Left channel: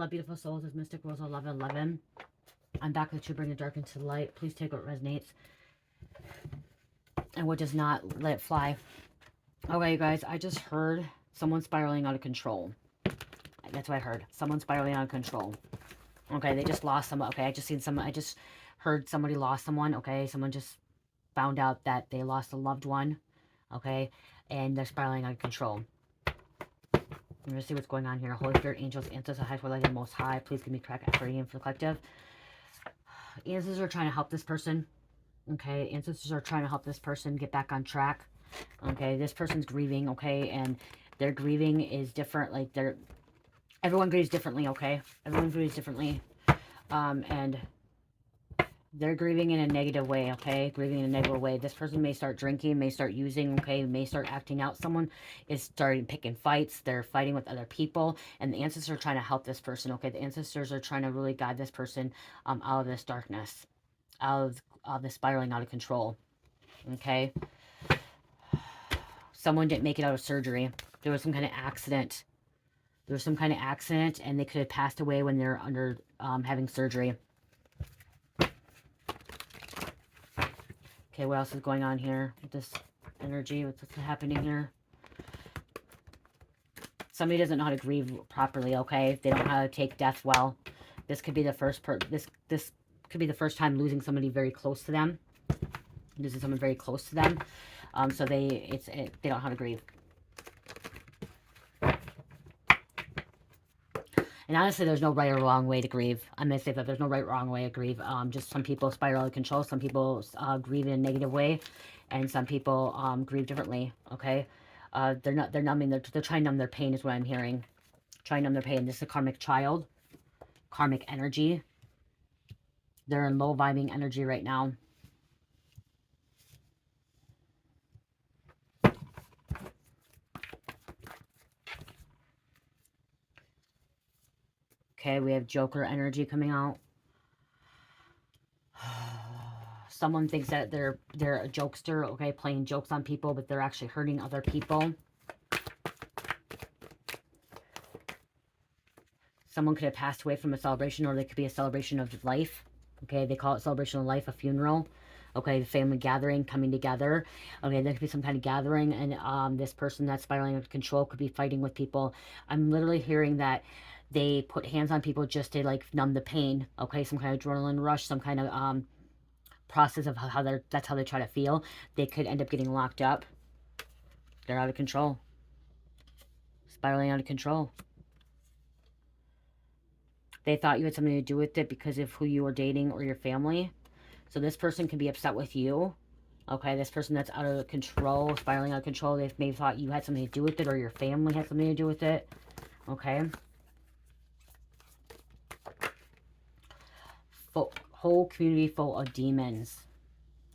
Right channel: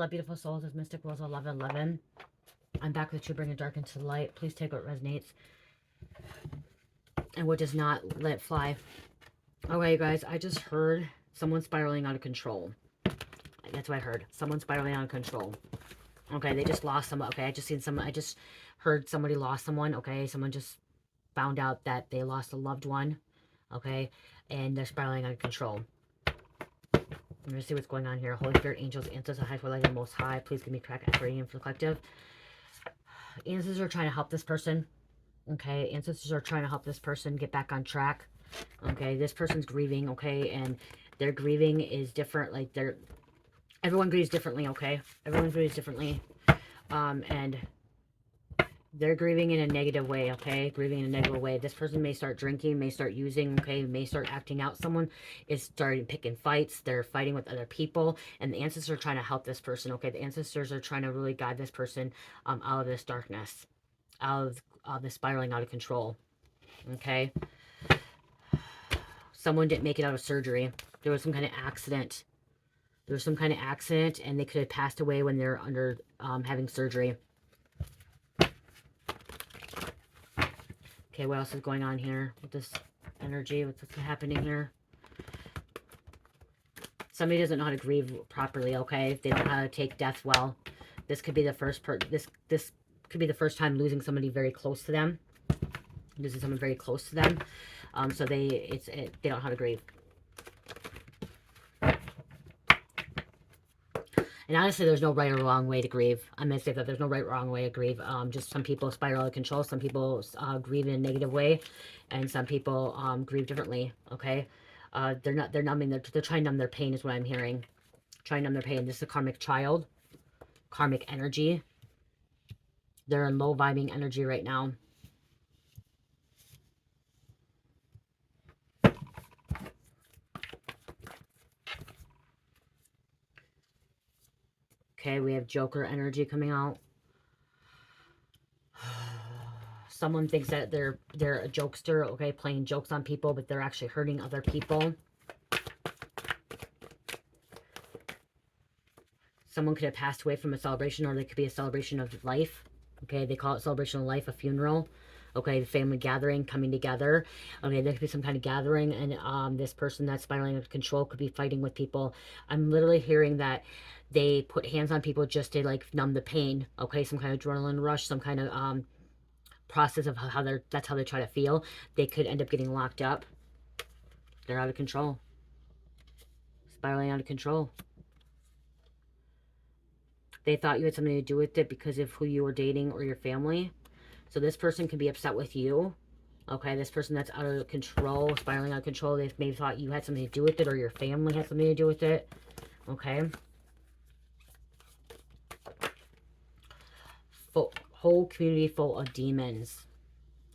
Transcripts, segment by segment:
love, beautiful souls. It's Mystic Rose 1111. I'm back with you, bringing dark into light. Please take what resonates and what does not, let it fly. Okay, you guys, I just heard someone spiraling out of control. That's what I heard. Someone spiraling out of control. Okay, they just lost someone. Okay, I just heard somebody lost someone. Okay, someone just found out that they lost a loved one. Okay, and they're spiraling out of control. I'm going to see what's going on here. Holy Spirit, angels, ancestors, high for light, the Most High. Please give me crack equity for the collective. Ancestors are trying to help this person. Okay, ancestors are trying to help this person get back on track. Okay, this person's grieving. Okay, and their grieving is different. Like everyone grieves differently. Okay, everyone grieves differently. And they're grieving in a negative way, okay? Grieving in a negative way. This person may start drinking, may start using, okay? May start acting out. Someone is starting picking fights. They're fighting with other people. And the ancestors are trying to help this person, okay? The ancestors are trying to really guide this person out of this darkness. Out of the spiraling out of control, okay? Someone didn't make it out of surgery. There was some kind of accident. There was some kind of accident, and they could have passed away when they're under having surgery. Okay, what else is going on here with this energy? What's happening here? Somebody doesn't know how to grieve properly, okay? They don't know how to take death well. This could be the first this could be the first time losing somebody very close to them. Losing someone very close to them. So they don't know how to grieve. And honestly, there's no right or wrong way to grieve. I'm going to say that there's no right or wrong way to grieve. Just some people spiral out of control. Some people grieve in a negative way. And some people grieve differently, okay? They're numbing, they're trying to numb their pain is what I'm hearing. Trying to numb their pain. This is a karmic child. Karmic energy. They're in low vibing energy right now. Okay, we have Joker energy coming out. Someone thinks that they're a jokester, okay, playing jokes on people, but they're actually hurting other people. Someone could have passed away from a celebration, or there could be a celebration of life. Okay, they call it celebration of life, a funeral. Okay, the family gathering, coming together. Okay, there could be some kind of gathering, and this person that's spiraling out of control could be fighting with people. I'm literally hearing that they put hands on people just to like numb the pain. Okay, some kind of adrenaline rush, some kind of process of how that's how they try to feel. They could end up getting locked up. They're out of control. Spiraling out of control. They thought you had something to do with it because of who you were dating or your family. So this person can be upset with you. Okay, this person that's out of control, spiraling out of control, they maybe thought you had something to do with it or your family had something to do with it. Okay. Whole community full of demons.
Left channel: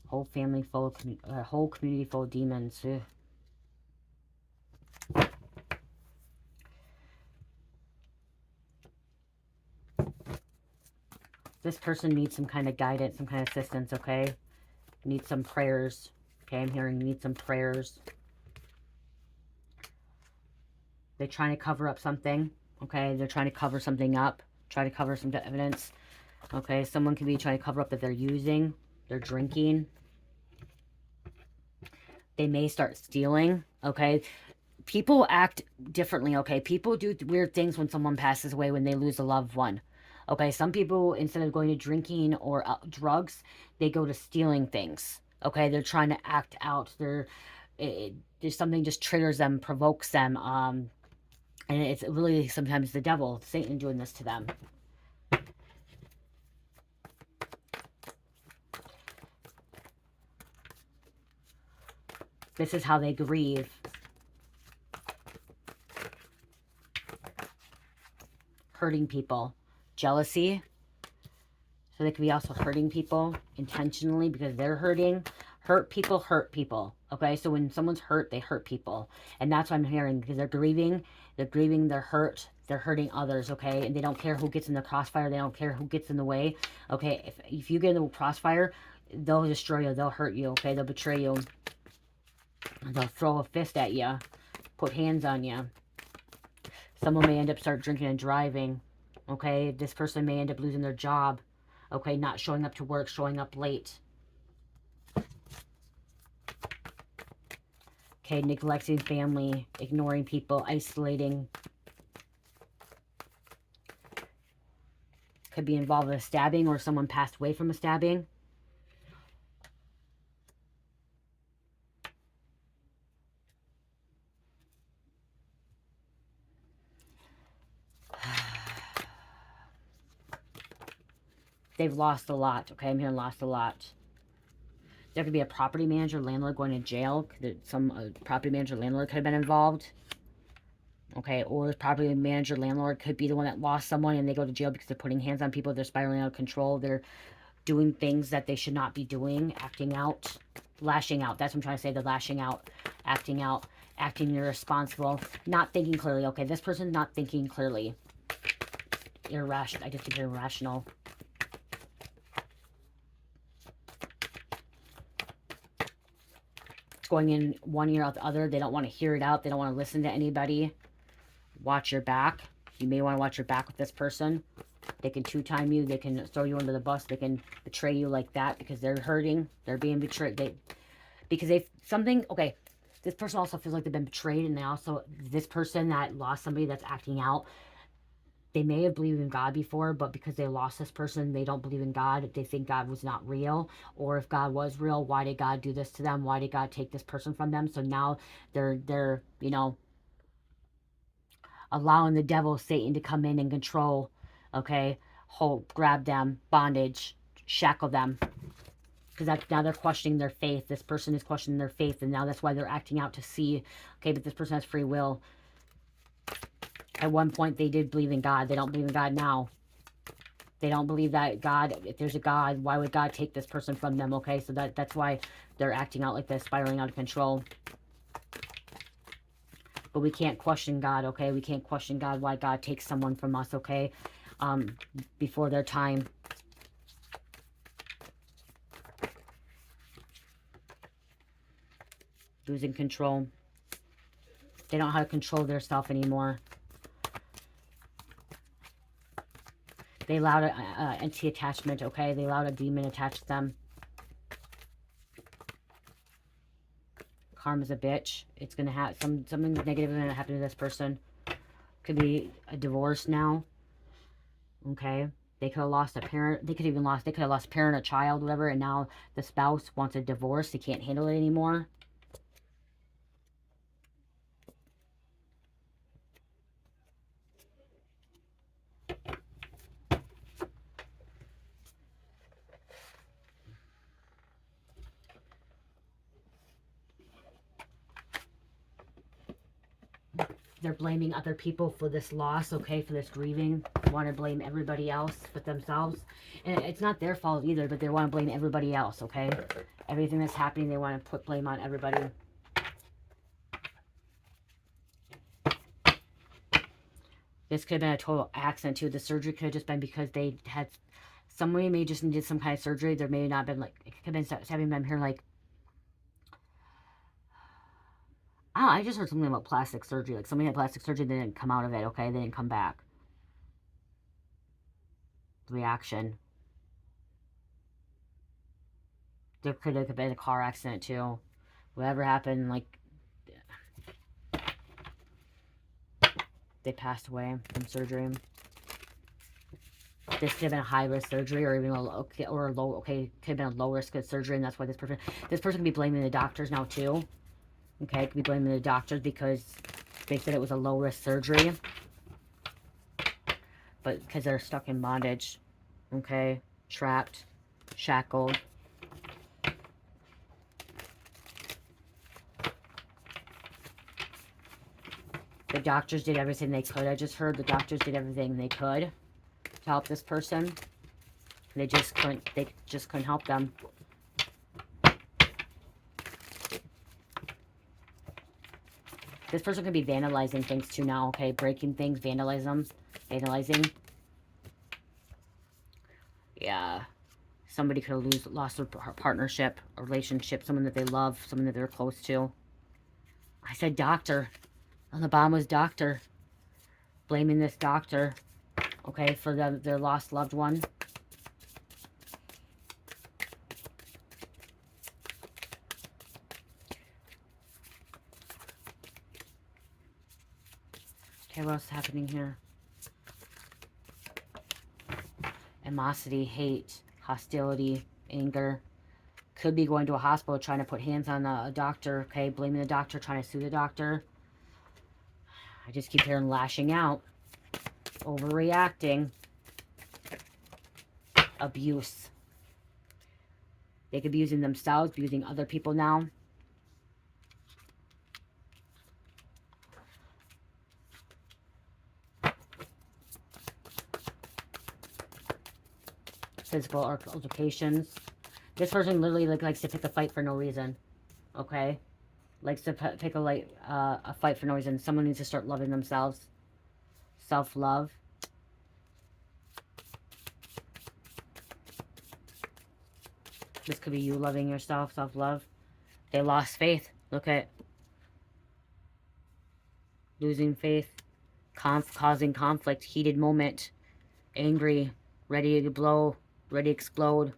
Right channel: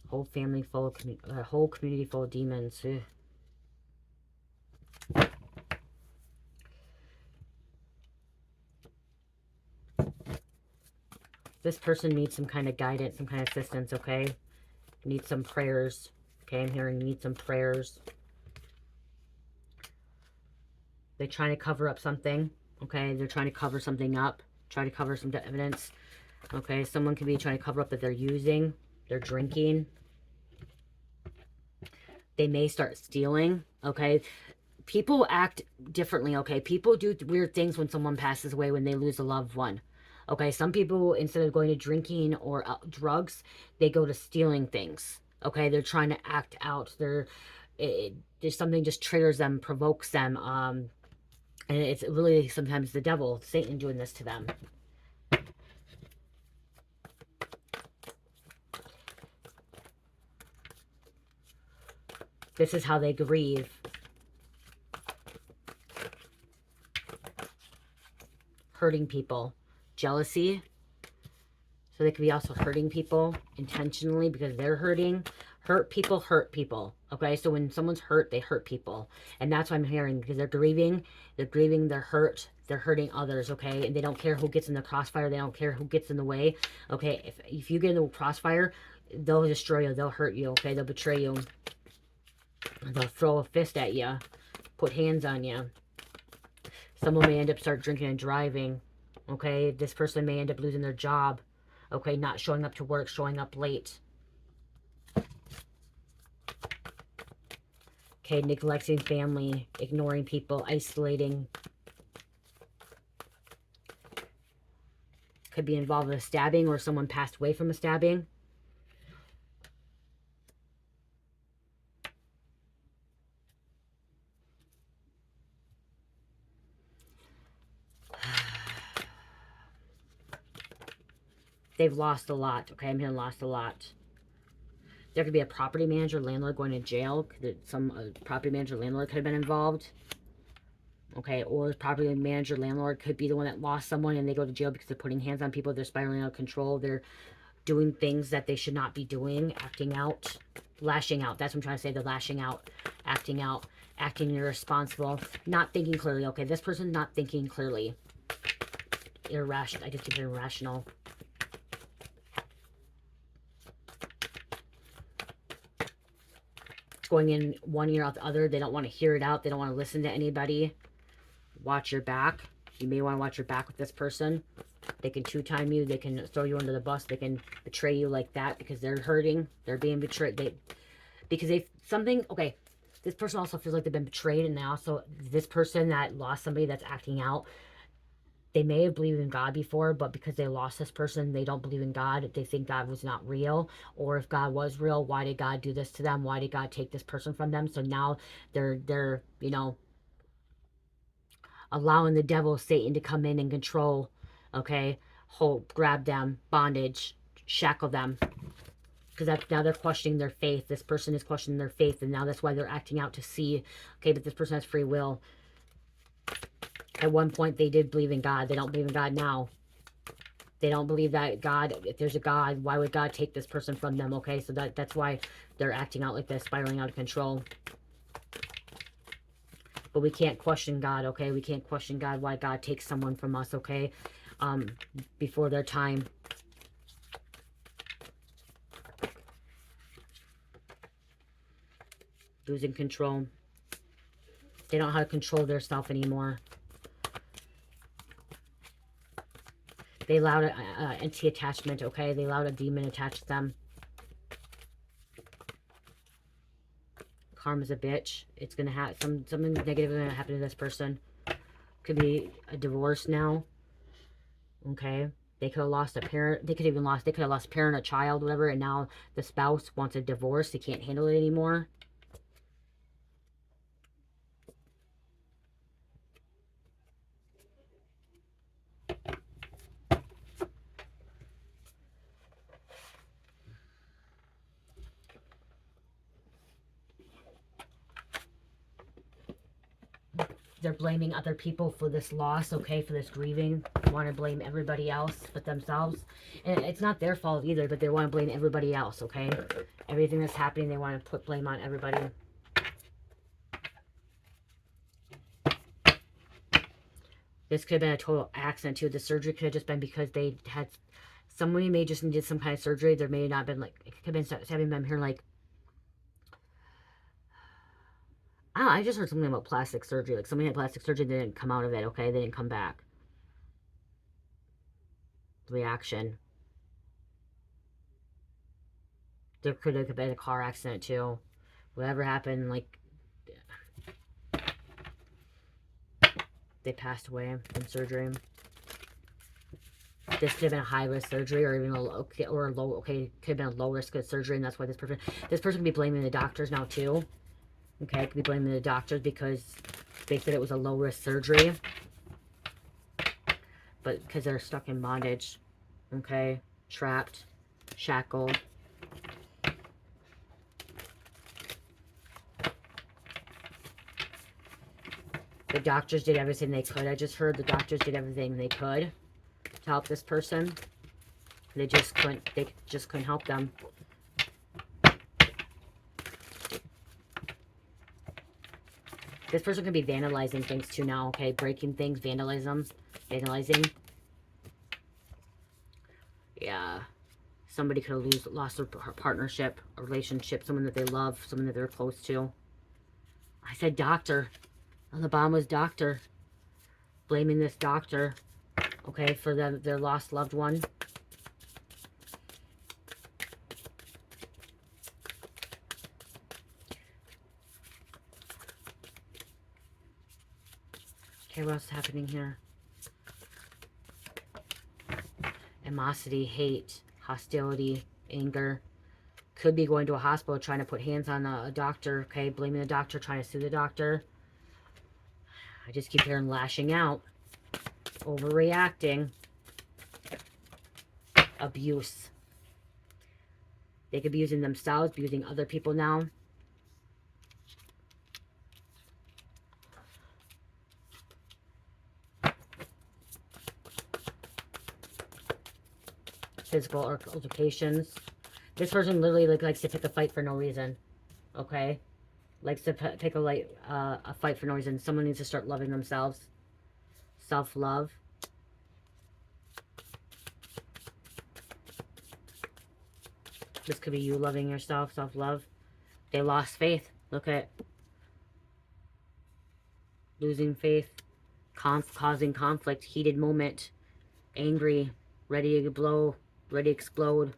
Whole family full of, whole community full of demons. Ugh. This person needs some kind of guidance, some kind of assistance, okay? Needs some prayers. Okay, I'm hearing need some prayers. They're trying to cover up something, okay? They're trying to cover something up. Try to cover some evidence. Okay, someone could be trying to cover up that they're using. They're drinking. They may start stealing, okay? People act differently, okay? People do weird things when someone passes away, when they lose a loved one. Okay, some people, instead of going to drinking or drugs, they go to stealing things. Okay, they're trying to act out. There's something just triggers them, provokes them. And it's really sometimes the devil, Satan, doing this to them. This is how they grieve. Hurting people. Jealousy. So they could be also hurting people intentionally because they're hurting. Hurt people. Okay, so when someone's hurt, they hurt people. And that's what I'm hearing, because they're grieving, they're hurt, they're hurting others, okay? And they don't care who gets in the crossfire, they don't care who gets in the way, okay? If you get in the crossfire, they'll destroy you, they'll hurt you, okay? They'll betray you. They'll throw a fist at you, put hands on you. Someone may end up start drinking and driving. Okay, this person may end up losing their job. Okay, not showing up to work, showing up late. Okay, neglecting family, ignoring people, isolating. Could be involved with a stabbing or someone passed away from a stabbing. They've lost a lot. Okay, I'm hearing lost a lot. There could be a property manager, landlord going to jail. Some property manager, landlord could have been involved. Okay, or the property manager, landlord could be the one that lost someone and they go to jail because they're putting hands on people. They're spiraling out of control. They're doing things that they should not be doing, acting out, lashing out. That's what I'm trying to say. They're lashing out, acting irresponsible, not thinking clearly. Okay, this person's not thinking clearly. Irrational. I just keep hearing irrational. It's going in one ear out the other. They don't want to hear it out. They don't want to listen to anybody. Watch your back. You may want to watch your back with this person. They can two-time you. They can throw you under the bus. They can betray you like that because they're hurting. They're being betrayed. Okay, this person also feels like they've been betrayed, and this person that lost somebody that's acting out, they may have believed in God before, but because they lost this person, they don't believe in God. They think God was not real, or if God was real, why did God do this to them? Why did God take this person from them? So now they're allowing the devil, Satan, to come in and control, okay, hold, grab them, bondage, shackle them, because now they're questioning their faith. This person is questioning their faith, and now that's why they're acting out to see, okay, but this person has free will. At one point, they did believe in God. They don't believe in God now. They don't believe that God, if there's a God, why would God take this person from them, okay? So that's why they're acting out like this, spiraling out of control. But we can't question God, okay? We can't question God, why God takes someone from us, okay? Before their time. Losing control. They don't know how to control their self anymore. They allowed an entity attachment, okay? They allowed a demon attached to them. Karma's a bitch. It's going to have something negative is going to happen to this person. Could be a divorce now. Okay? They could have lost a parent. They could have lost a parent, a child, whatever, and now the spouse wants a divorce. They can't handle it anymore. They're blaming other people for this loss, okay, for this grieving. They want to blame everybody else but themselves. And it's not their fault either, but they want to blame everybody else, okay? Everything that's happening, they want to put blame on everybody. This could have been a total accident, too. The surgery could have just been because they had... Somebody may just needed some kind of surgery. There may have not been, like... It could have been having them here, like... I don't know, I just heard something about plastic surgery. Like, somebody had plastic surgery, they didn't come out of it, okay? They didn't come back. Reaction. There could have been a car accident, too. Whatever happened, like... They passed away from surgery. This could have been a high-risk surgery, or even a low, could have been a low-risk surgery, and that's why this person could be blaming the doctors now, too. Okay, could be blaming the doctors because they said it was a low-risk surgery. But because they're stuck in bondage. Okay, trapped, shackled. The doctors did everything they could. I just heard the doctors did everything they could to help this person. They just couldn't help them. This person could be vandalizing things too now, okay? Breaking things, vandalizing. Yeah. Somebody could have lost their partnership, a relationship, someone that they love, someone that they're close to. I said doctor. On the bottom was doctor. Blaming this doctor. okay, for them, their lost loved one. Okay, what's happening here? Animosity, hate, hostility, anger. Could be going to a hospital trying to put hands on a doctor, okay? Blaming the doctor, trying to sue the doctor. I just keep hearing lashing out. Overreacting. Abuse. They could be using themselves, be using other people now. Physical altercations. This person literally likes to pick a fight for no reason. Okay? Likes to pick a fight for no reason. Someone needs to start loving themselves. Self-love. This could be you loving yourself, self-love. They lost faith. Look at losing faith. Causing conflict. Heated moment. Angry. Ready to blow. Ready to explode.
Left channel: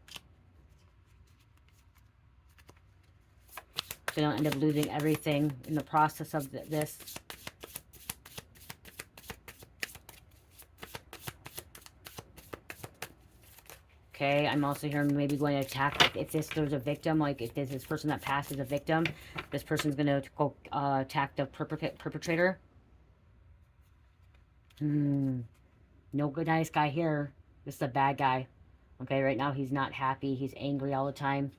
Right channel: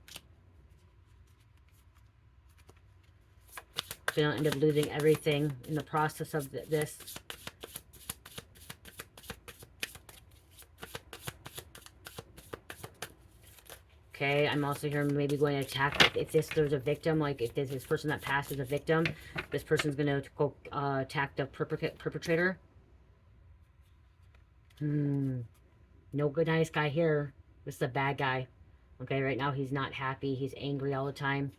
Gonna end up losing everything in the process of this. Okay, I'm also hearing maybe going to attack. If there's a victim, like if there's this person that passed as a victim, this person's going to go attack the perpetrator. No good, nice guy here. This is a bad guy. Okay, right now he's not happy. He's angry all the time.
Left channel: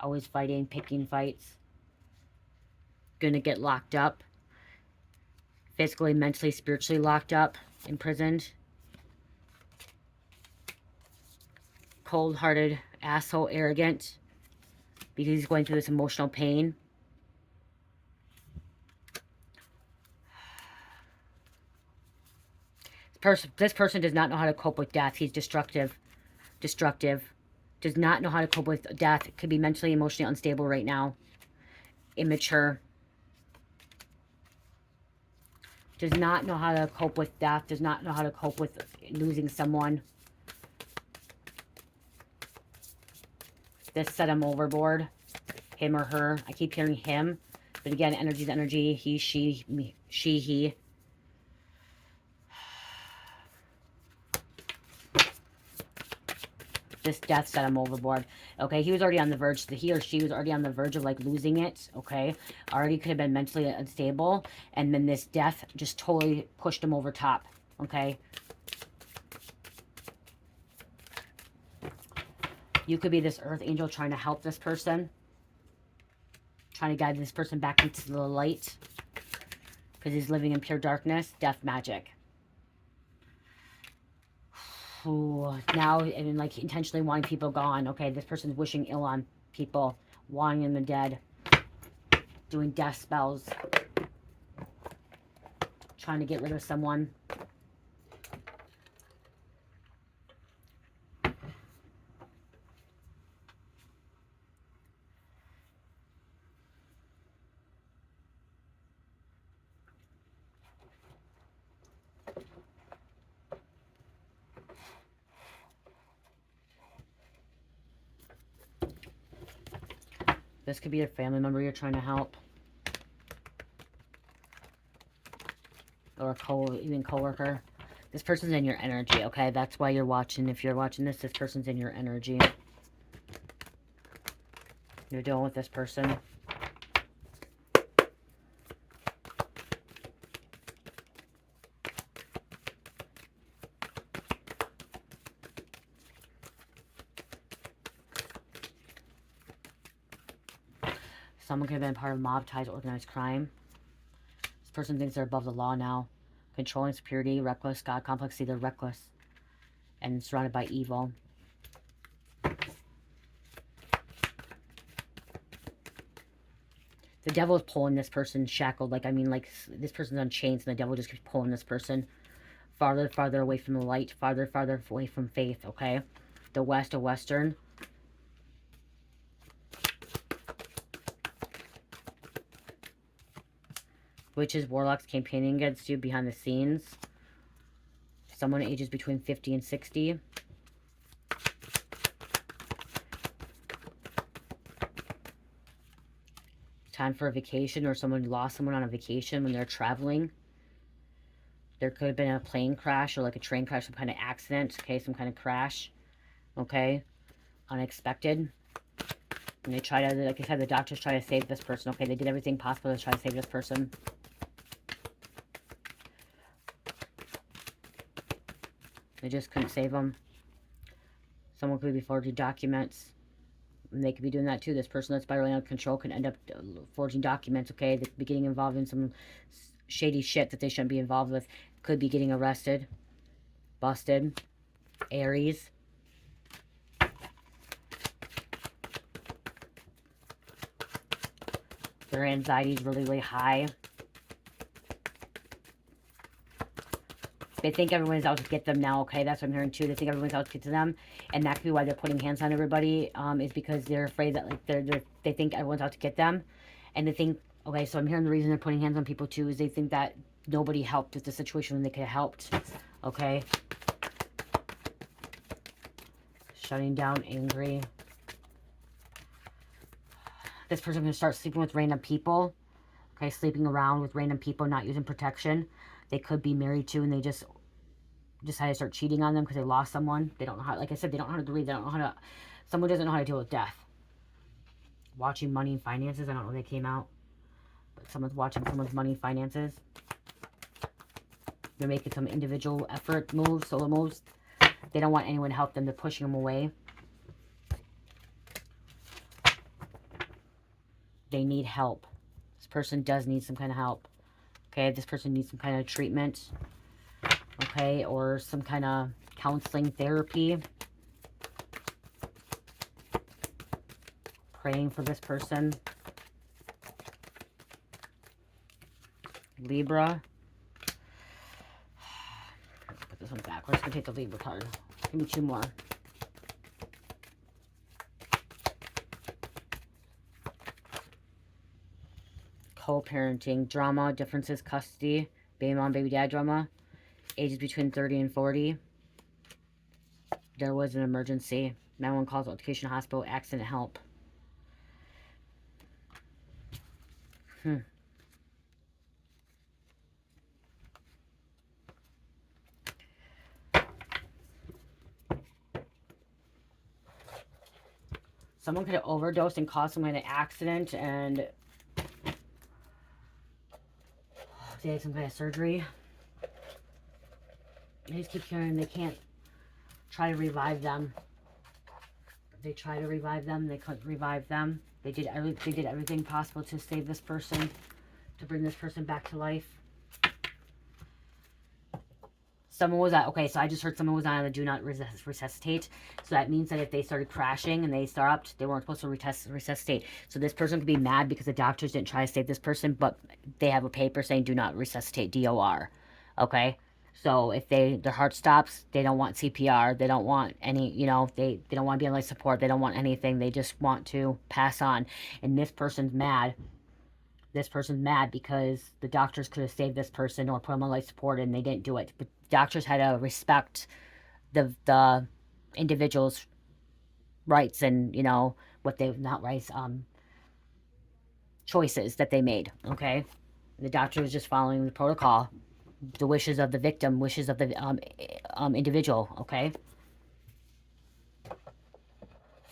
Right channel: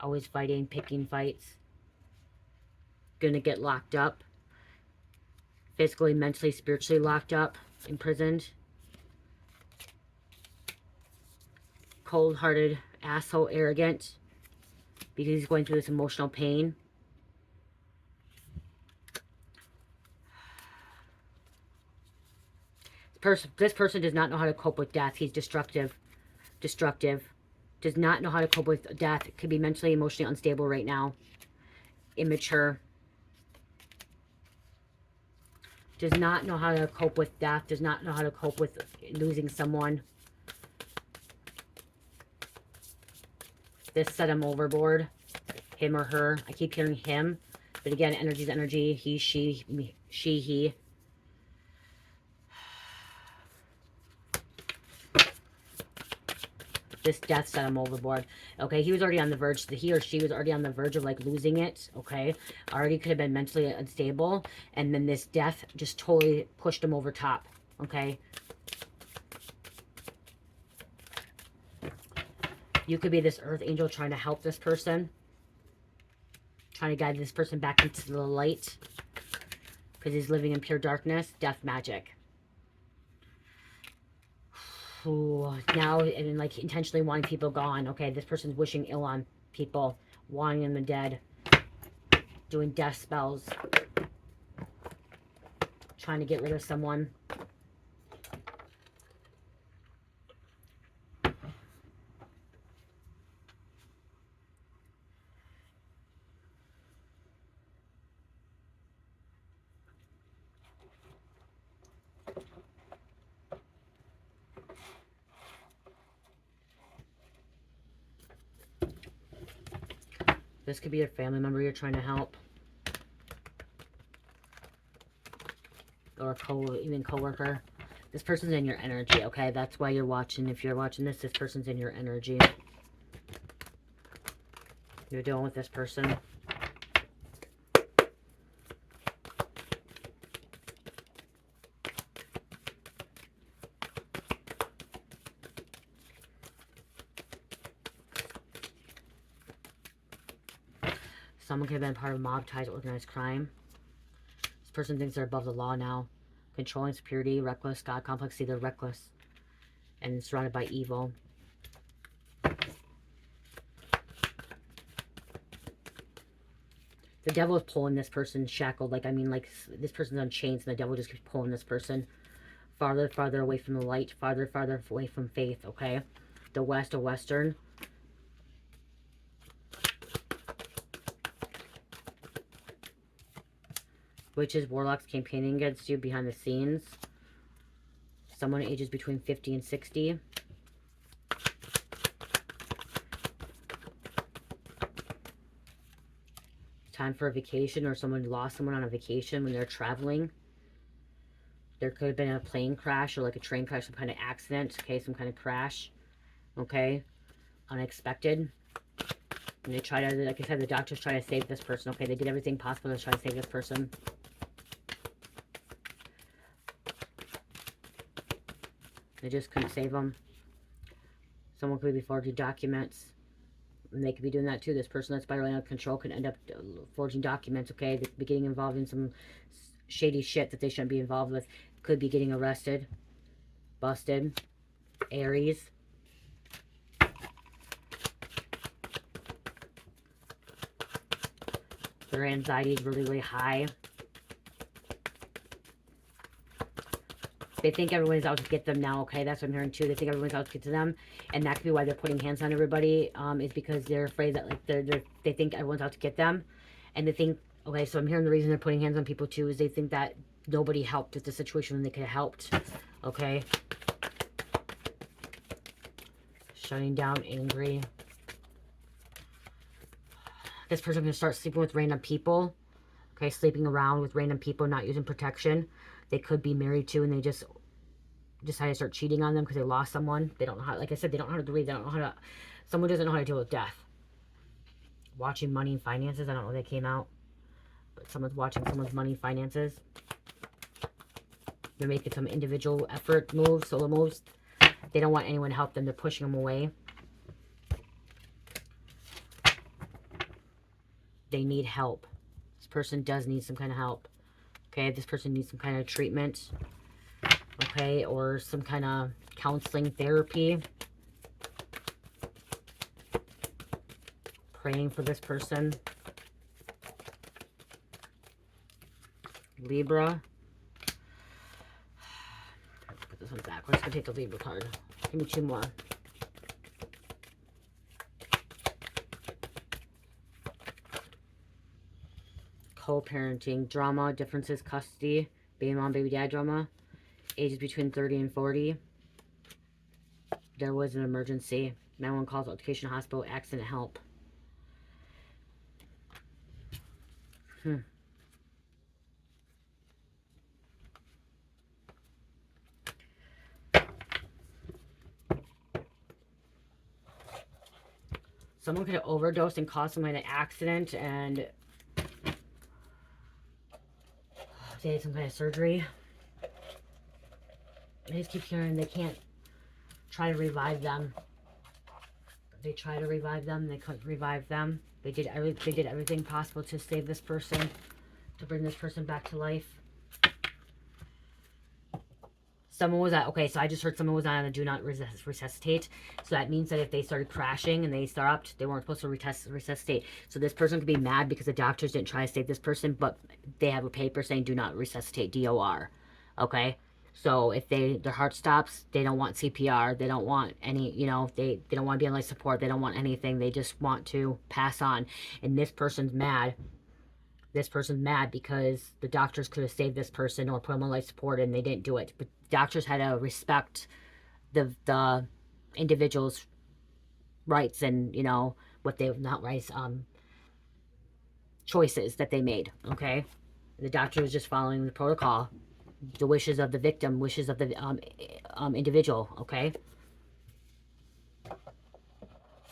Always fighting, picking fights. Gonna get locked up. Physically, mentally, spiritually locked up. Imprisoned. Cold-hearted, asshole, arrogant, because he's going through this emotional pain. This person does not know how to cope with death. He's destructive. Does not know how to cope with death. Could be mentally, emotionally unstable right now. Immature. Does not know how to cope with death. Does not know how to cope with losing someone. This set him overboard. Him or her. I keep hearing him. But again, energy's energy. He, she, me, she, he. This death set him overboard. Okay, he was already on the verge. He or she was already on the verge of like losing it. Okay, already could have been mentally unstable. And then this death just totally pushed him over top. Okay. You could be this earth angel trying to help this person. Trying to guide this person back into the light. Because he's living in pure darkness. Death magic. Ooh, now, and like intentionally wanting people gone. Okay, this person's wishing ill on people. Wanting them dead. Doing death spells. Trying to get rid of someone. This could be a family member you're trying to help. Or even coworker. This person's in your energy, okay? That's why you're watching. If you're watching this, this person's in your energy. You're dealing with this person. Someone could have been part of mob ties, organized crime. This person thinks they're above the law now. Controlling, security, reckless, God complex. See, they're reckless. And surrounded by evil. The devil is pulling this person shackled. Like, I mean, like, this person's on chains and the devil just keeps pulling this person farther, farther away from the light. Farther, farther away from faith, okay? The west, a western. Witches, warlocks campaigning against you behind the scenes. Someone ages between 50 and 60. Time for a vacation, or someone lost someone on a vacation when they're traveling. There could have been a plane crash or like a train crash, some kind of accident, okay, some kind of crash, okay, unexpected. And they try to, like I said, the doctors try to save this person, okay, they did everything possible to try to save this person. They just couldn't save them. Someone could be forging documents. And they could be doing that too. This person that's spiraling out of control could end up forging documents, okay? They could be getting involved in some shady shit that they shouldn't be involved with. Could be getting arrested, busted. Aries. Their anxiety is really, really high. They think everyone's out to get them now, okay? That's what I'm hearing too. They think everyone's out to get to them. And that could be why they're putting hands on everybody, is because they're afraid that, like, they think everyone's out to get them. And they think, okay, so I'm hearing the reason they're putting hands on people too is they think that nobody helped with the situation when they could have helped, okay? Shutting down, angry. This person's going to start sleeping with random people, okay? Sleeping around with random people, not using protection. They could be married to, and they just decided to start cheating on them because they lost someone. They don't know how, like I said, they don't know how to grieve. They don't know how to, someone doesn't know how to deal with death. Watching money and finances. I don't know where they came out. But someone's watching someone's money and finances. They're making some individual effort moves, solo moves. They don't want anyone to help them. They're pushing them away. They need help. This person does need some kind of help. Okay, this person needs some kind of treatment, okay, or some kind of counseling, therapy. Praying for this person. Libra. Put this one back. Let's go take the Libra card. Give me two more. Co-parenting, drama, differences, custody, baby mom, baby dad drama, ages between 30 and 40. There was an emergency. 911 calls, education, hospital, accident, help. Someone could have overdosed and caused someone an accident, and they had some kind of surgery. I just keep hearing they can't try to revive them. They try to revive them. They couldn't revive them. They did everything possible to save this person, to bring this person back to life. Someone was at, okay, so I just heard someone was on the do not resuscitate. So that means that if they started crashing and they stopped, they weren't supposed to resuscitate. So this person could be mad because the doctors didn't try to save this person, but they have a paper saying do not resuscitate, DOR. Okay? So if their heart stops, they don't want CPR. They don't want any, you know, they don't want to be on life support. They don't want anything. They just want to pass on. And this person's mad. This person's mad because the doctors could have saved this person or put them on life support, and they didn't do it. But doctors had to respect the individual's rights and, you know, what they, not rights, choices that they made, okay? The doctor was just following the protocol, the wishes of the victim, wishes of the individual, okay?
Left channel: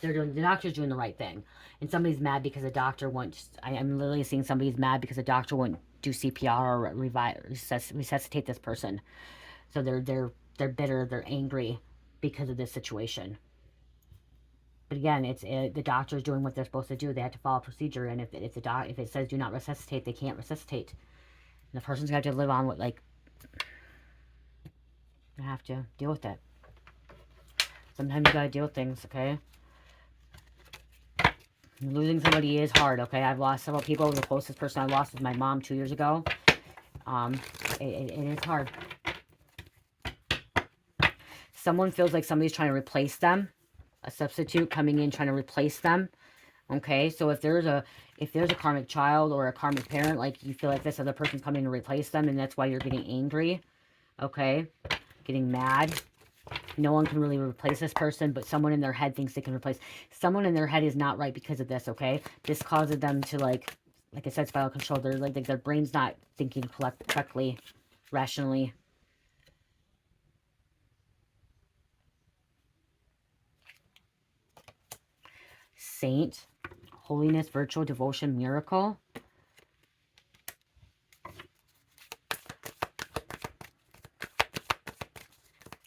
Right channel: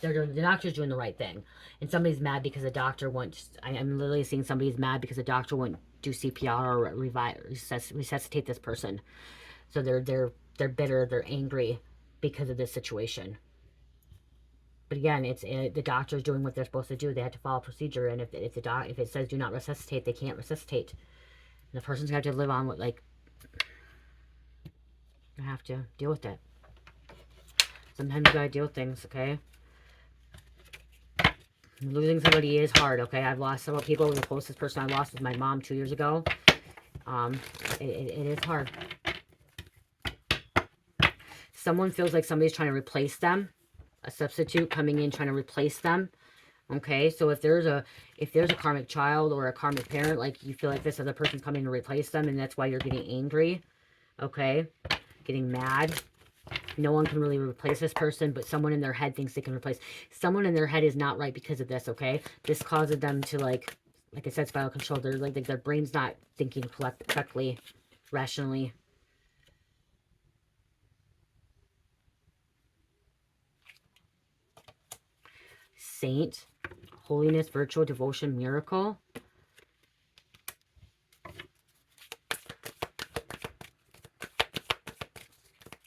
The doctor's doing the right thing. And somebody's mad because the doctor won't, I'm literally seeing somebody's mad because the doctor won't do CPR or resuscitate this person. So they're bitter, they're angry because of this situation. But again, it's the doctor's doing what they're supposed to do. They have to follow procedure, and if it says do not resuscitate, they can't resuscitate. And the person's gonna have to live on with, like, you have to deal with it. Sometimes you gotta deal with things, okay? Losing somebody is hard, okay? I've lost several people. The closest person I lost was my mom 2 years ago. It is hard. Someone feels like somebody's trying to replace them. A substitute coming in trying to replace them. Okay, so if there's a karmic child or a karmic parent, like, you feel like this other person's coming to replace them, and that's why you're getting angry. Okay, getting mad. No one can really replace this person, but someone in their head thinks they can replace. Someone in their head is not right because of this, okay? This causes them to, like I said, spiral control. They're like their brain's not thinking correctly, rationally. Saint, holiness, virtual, devotion, miracle.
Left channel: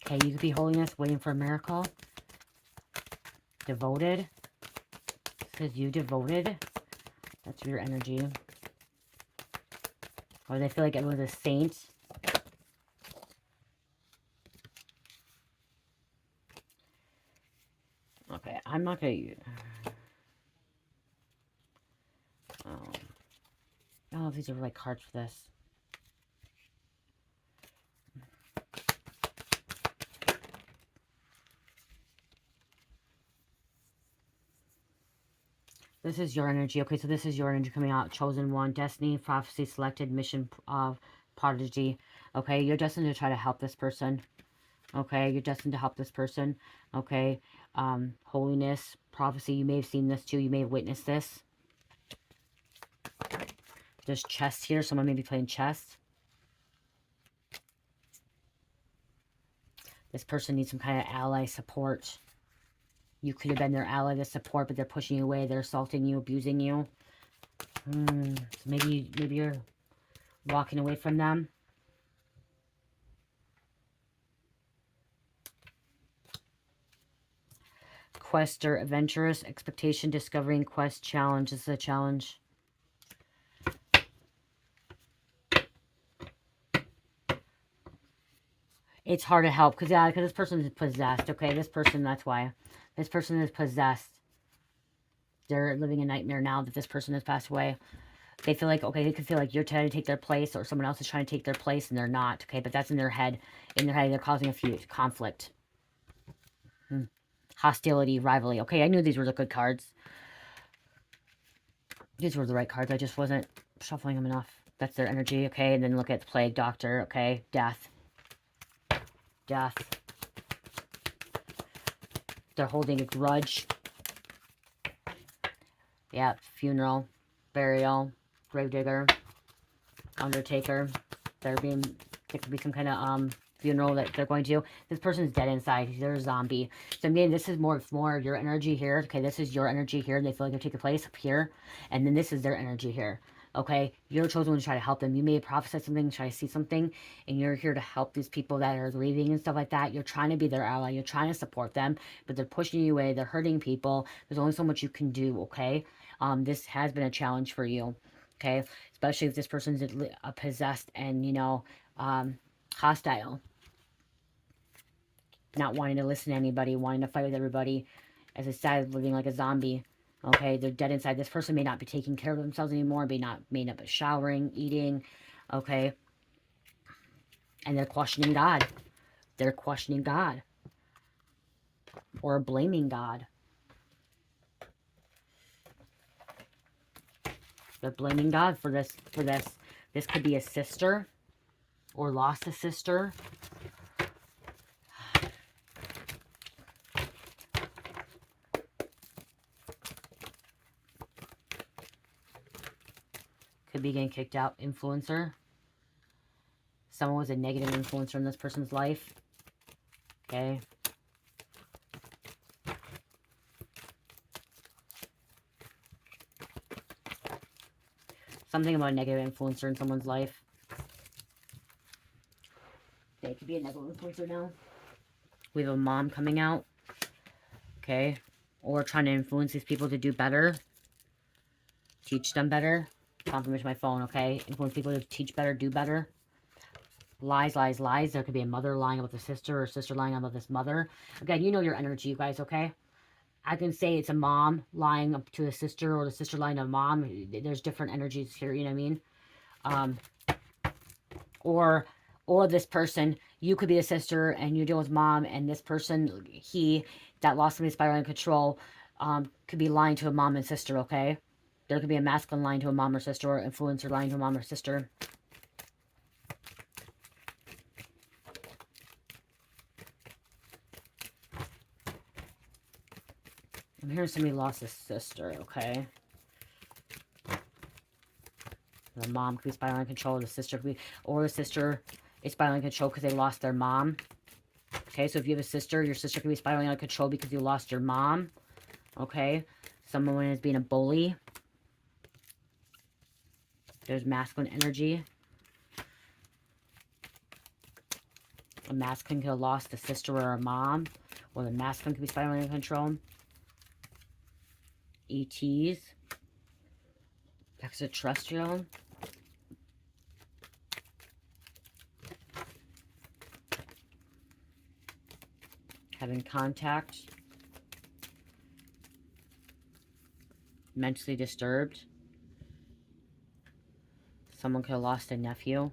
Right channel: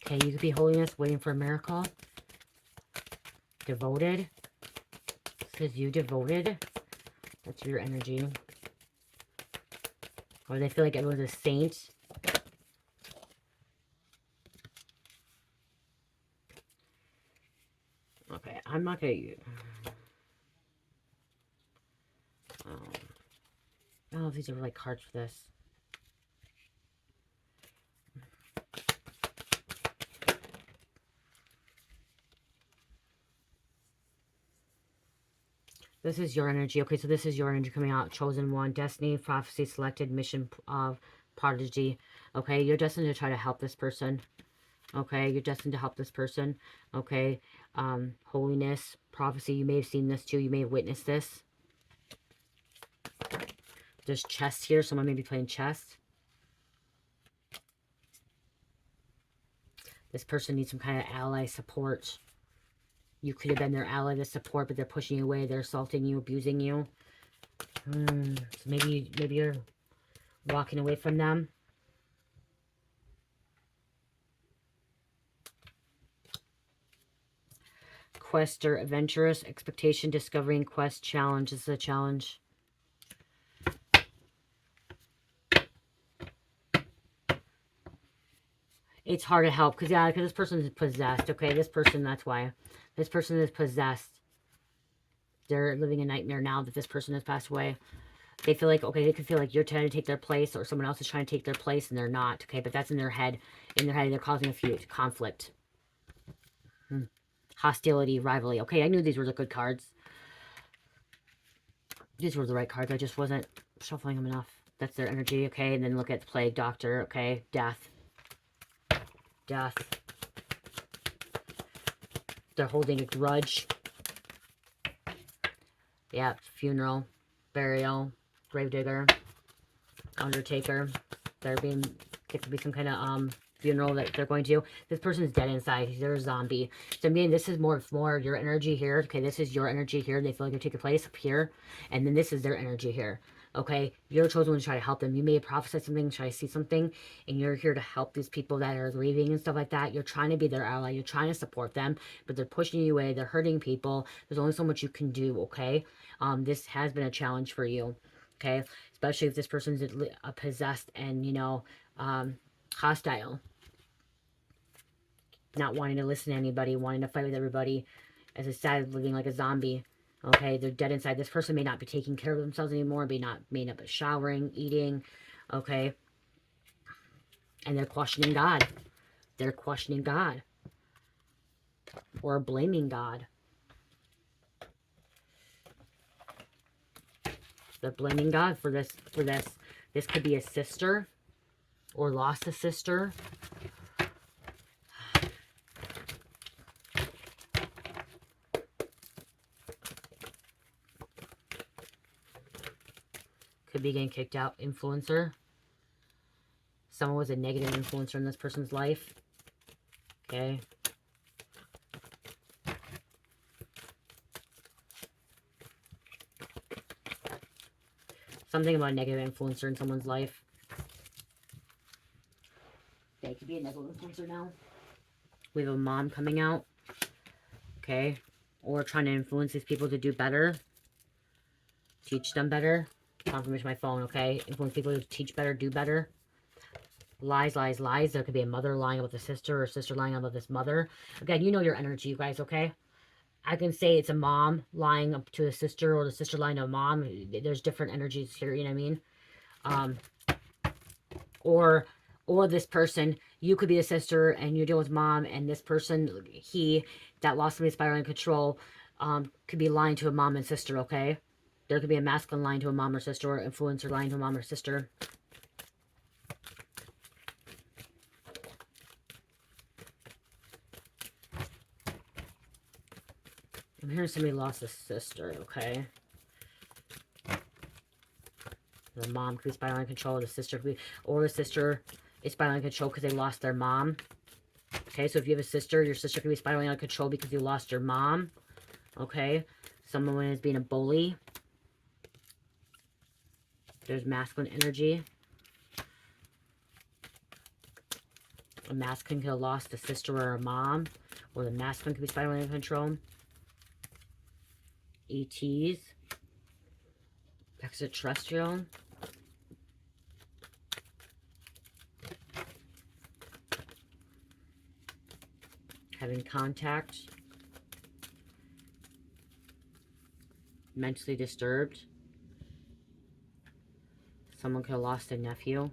Okay, you could be holiness, waiting for a miracle. Devoted. Says you devoted. That's your energy. Or they feel like everyone's a saint. Okay, I'm not going to... Oh, these are like cards for this. This is your energy. Okay, so this is your energy coming out. Chosen one, destiny, prophecy, selected, mission of prodigy. Okay, you're destined to try to help this person. Okay, you're destined to help this person. Okay, holiness, prophecy. You may have seen this too. You may have witnessed this. There's chess here. Someone may be playing chess. This person needs some kind of ally support. You could have been their ally to support, but they're pushing you away. They're assaulting you, abusing you. So maybe you're walking away from them. Quester, adventurous, expectation, discovering, quest, challenge. This is a challenge. It's hard to help because this person is possessed. Okay, this person, that's why. This person is possessed. They're living a nightmare now that this person has passed away. They feel like, okay, they can feel like you're trying to take their place or someone else is trying to take their place and they're not. Okay, but that's in their head. In their head, they're causing a feud, conflict. Hostility, rivalry. Okay, I knew these were the good cards. These were the right cards. I just wasn't shuffling them enough. That's their energy, okay? And then look at the plague, doctor, okay? Death. Death. They're holding a grudge. Yeah, funeral, burial, gravedigger, undertaker. There could be some kind of funeral that they're going to. This person's dead inside. They're a zombie. So I mean, this is more of your energy here. Okay, this is your energy here. They feel like they're taking place up here, and then this is their energy here. Okay, you're chosen one to try to help them. You may prophesy something, try to see something, and you're here to help these people that are grieving and stuff like that. You're trying to be their ally. You're trying to support them, but they're pushing you away. They're hurting people. There's only so much you can do, okay? This has been a challenge for you, okay? Especially if this person's possessed and, you know, hostile. Not wanting to listen to anybody, wanting to fight with everybody. As a side, living like a zombie. Okay, they're dead inside. This person may not be taking care of themselves anymore, may not be showering, eating, okay? And they're questioning God. They're questioning God. Or blaming God. They're blaming God for this. This could be a sister. Or lost a sister. Could be getting kicked out. Influencer. Someone was a negative influencer in this person's life. Okay. Something about a negative influencer in someone's life. Okay, it could be a negative influencer now. We have a mom coming out. Okay. Or trying to influence these people to do better. Teach them better. Confirmation my phone, okay? Influence people to teach better, do better. Lies, lies, lies. There could be a mother lying about the sister or a sister lying about this mother. Again, you know your energy, you guys, okay? I can say it's a mom lying up to a sister or the sister lying to a mom. There's different energies here, you know what I mean? Or this person, you could be a sister and you deal with mom, and this person, he that lost somebody's spiraling control, could be lying to a mom and sister, okay? There could be a masculine lying to a mom or sister, or influencer lying to a mom or sister. I'm hearing somebody lost a sister, okay? The mom could be spiraling out of control. The sister could be, or the sister is spiraling out of control because they lost their mom. Okay, so if you have a sister, your sister could be spiraling out of control because you lost your mom. Okay, someone is being a bully. There's masculine energy. A masculine could have lost a sister or a mom. Or the masculine could be spiraling out of control. ETs. Extraterrestrial. Having contact. Mentally disturbed. Someone could have lost a nephew.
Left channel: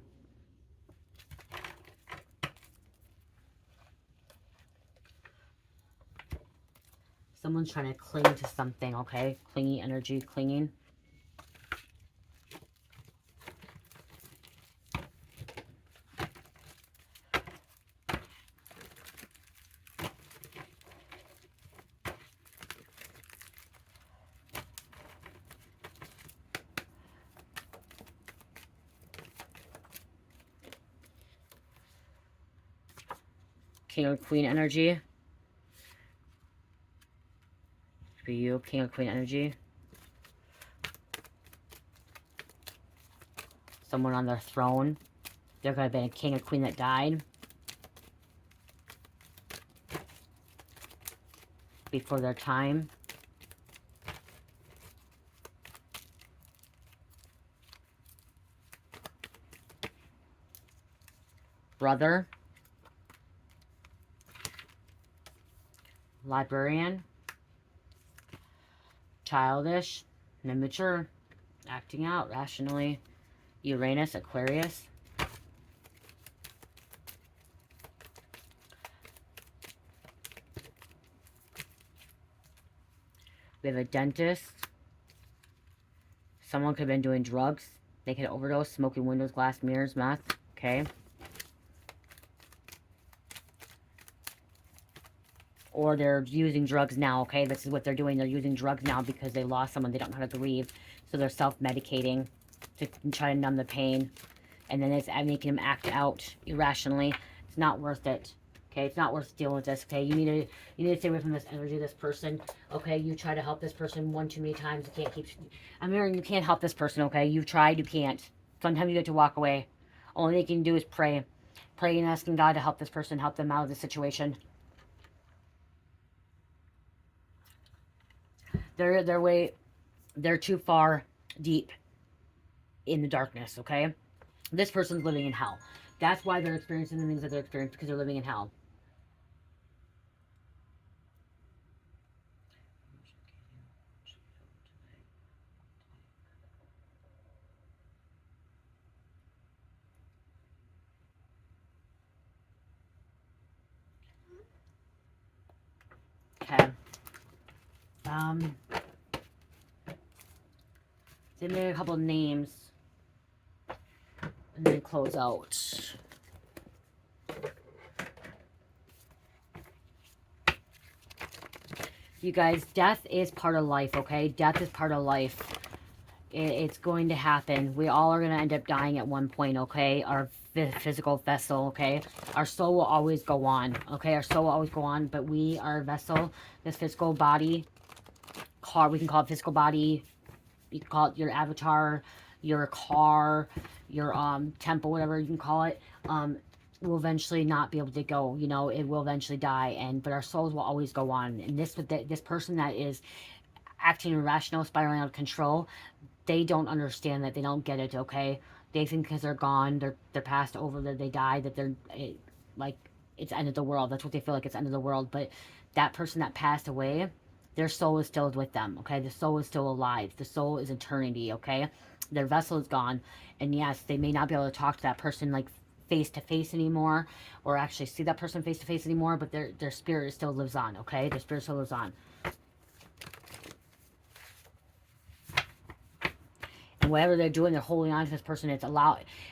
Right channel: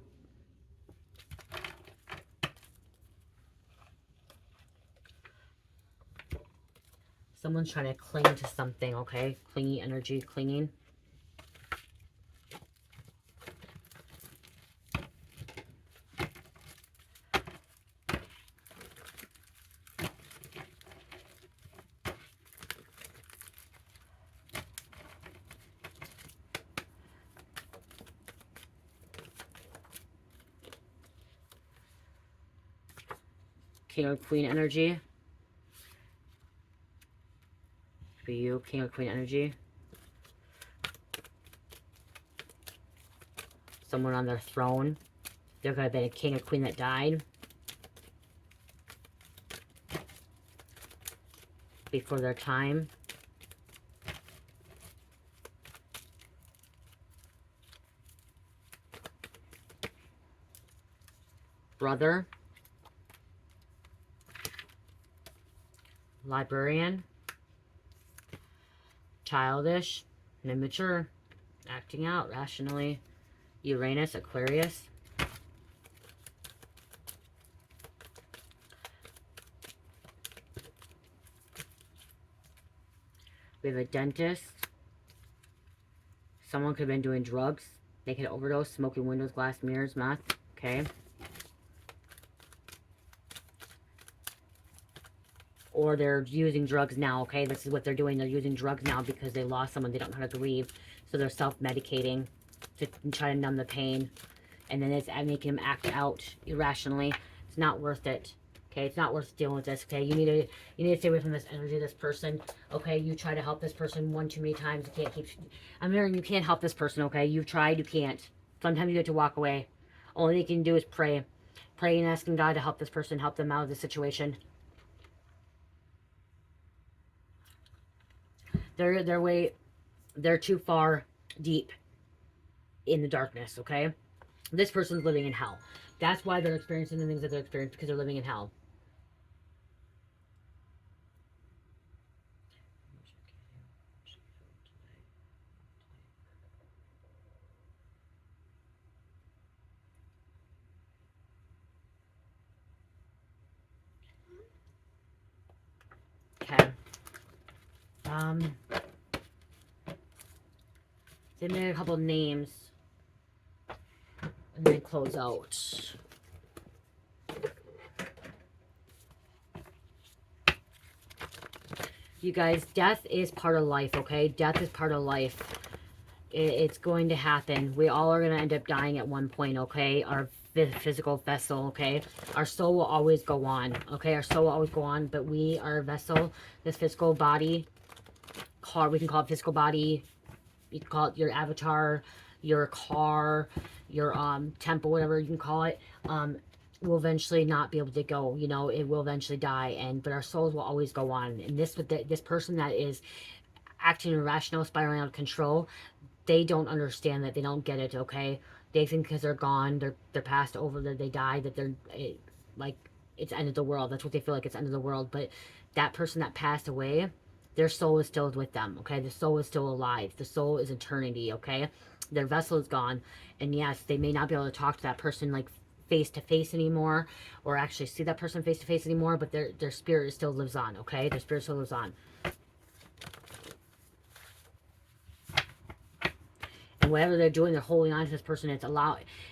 Someone's trying to cling to something, okay? Clingy energy, clinging. King or Queen energy. For you, King or Queen energy. Someone on their throne. There could have been a king or queen that died before their time. Brother. Librarian. Childish. Immature. Acting out rationally. Uranus, Aquarius. We have a dentist. Someone could have been doing drugs. They could overdose, smoking windows, glass, mirrors, meth. Okay. Or they're using drugs now, okay? This is what they're doing. They're using drugs now because they lost someone. They don't know how to grieve. So they're self-medicating to try to numb the pain. And then it's making them act out irrationally. It's not worth it. Okay, it's not worth dealing with this. Okay, you need to stay away from this energy, this person. Okay, you try to help this person one too many times. You can't keep. I'm hearing you can't help this person. Okay, you've tried, you can't. Sometimes you have to walk away. All they can do is pray, pray and asking God to help this person, help them out of the situation. They're too far deep in the darkness. Okay, this person's living in hell. That's why they're experiencing the things that they're experiencing, because they're living in hell. Okay. Then there are a couple of names. And then close out. You guys, death is part of life, okay? Death is part of life. It's going to happen. We all are going to end up dying at one point, okay? Our physical vessel, okay? Our soul will always go on, okay? Our soul will always go on, but we are a vessel. This physical body, we can call it physical body. You can call it your avatar, your car, your temple, whatever you can call it. Will eventually not be able to go, you know, it will eventually die, but our souls will always go on. And this person that is acting irrational, spiraling out of control, they don't understand that. They don't get it, okay? They think because they're gone, they're passed over, that they died, that they're like it's end of the world. That's what they feel like, it's end of the world. But that person that passed away, their soul is still with them, okay? The soul is still alive. The soul is eternity, okay? Their vessel is gone, and yes, they may not be able to talk to that person like face to face anymore, or actually see that person face to face anymore, but their spirit still lives on, okay? Their spirit still lives on. And whatever they're doing, they're holding on to this person.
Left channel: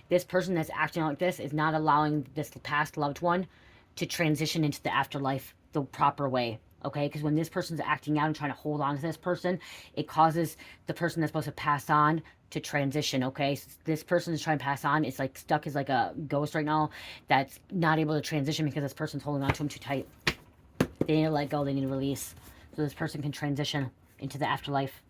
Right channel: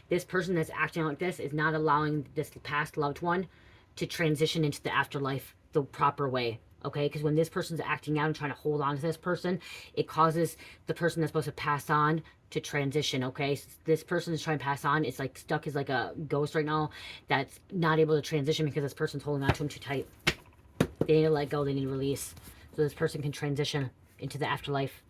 This person that's acting like this is not allowing this past loved one to transition into the afterlife the proper way, Okay, because when this person's acting out and trying to hold on to this person, it causes the person that's supposed to pass on to transition. Okay, this person is trying to pass on. It's like stuck as like a ghost right now that's not able to transition because this person's holding on to him too tight. They need to let go. They need to release so this person can transition into the afterlife.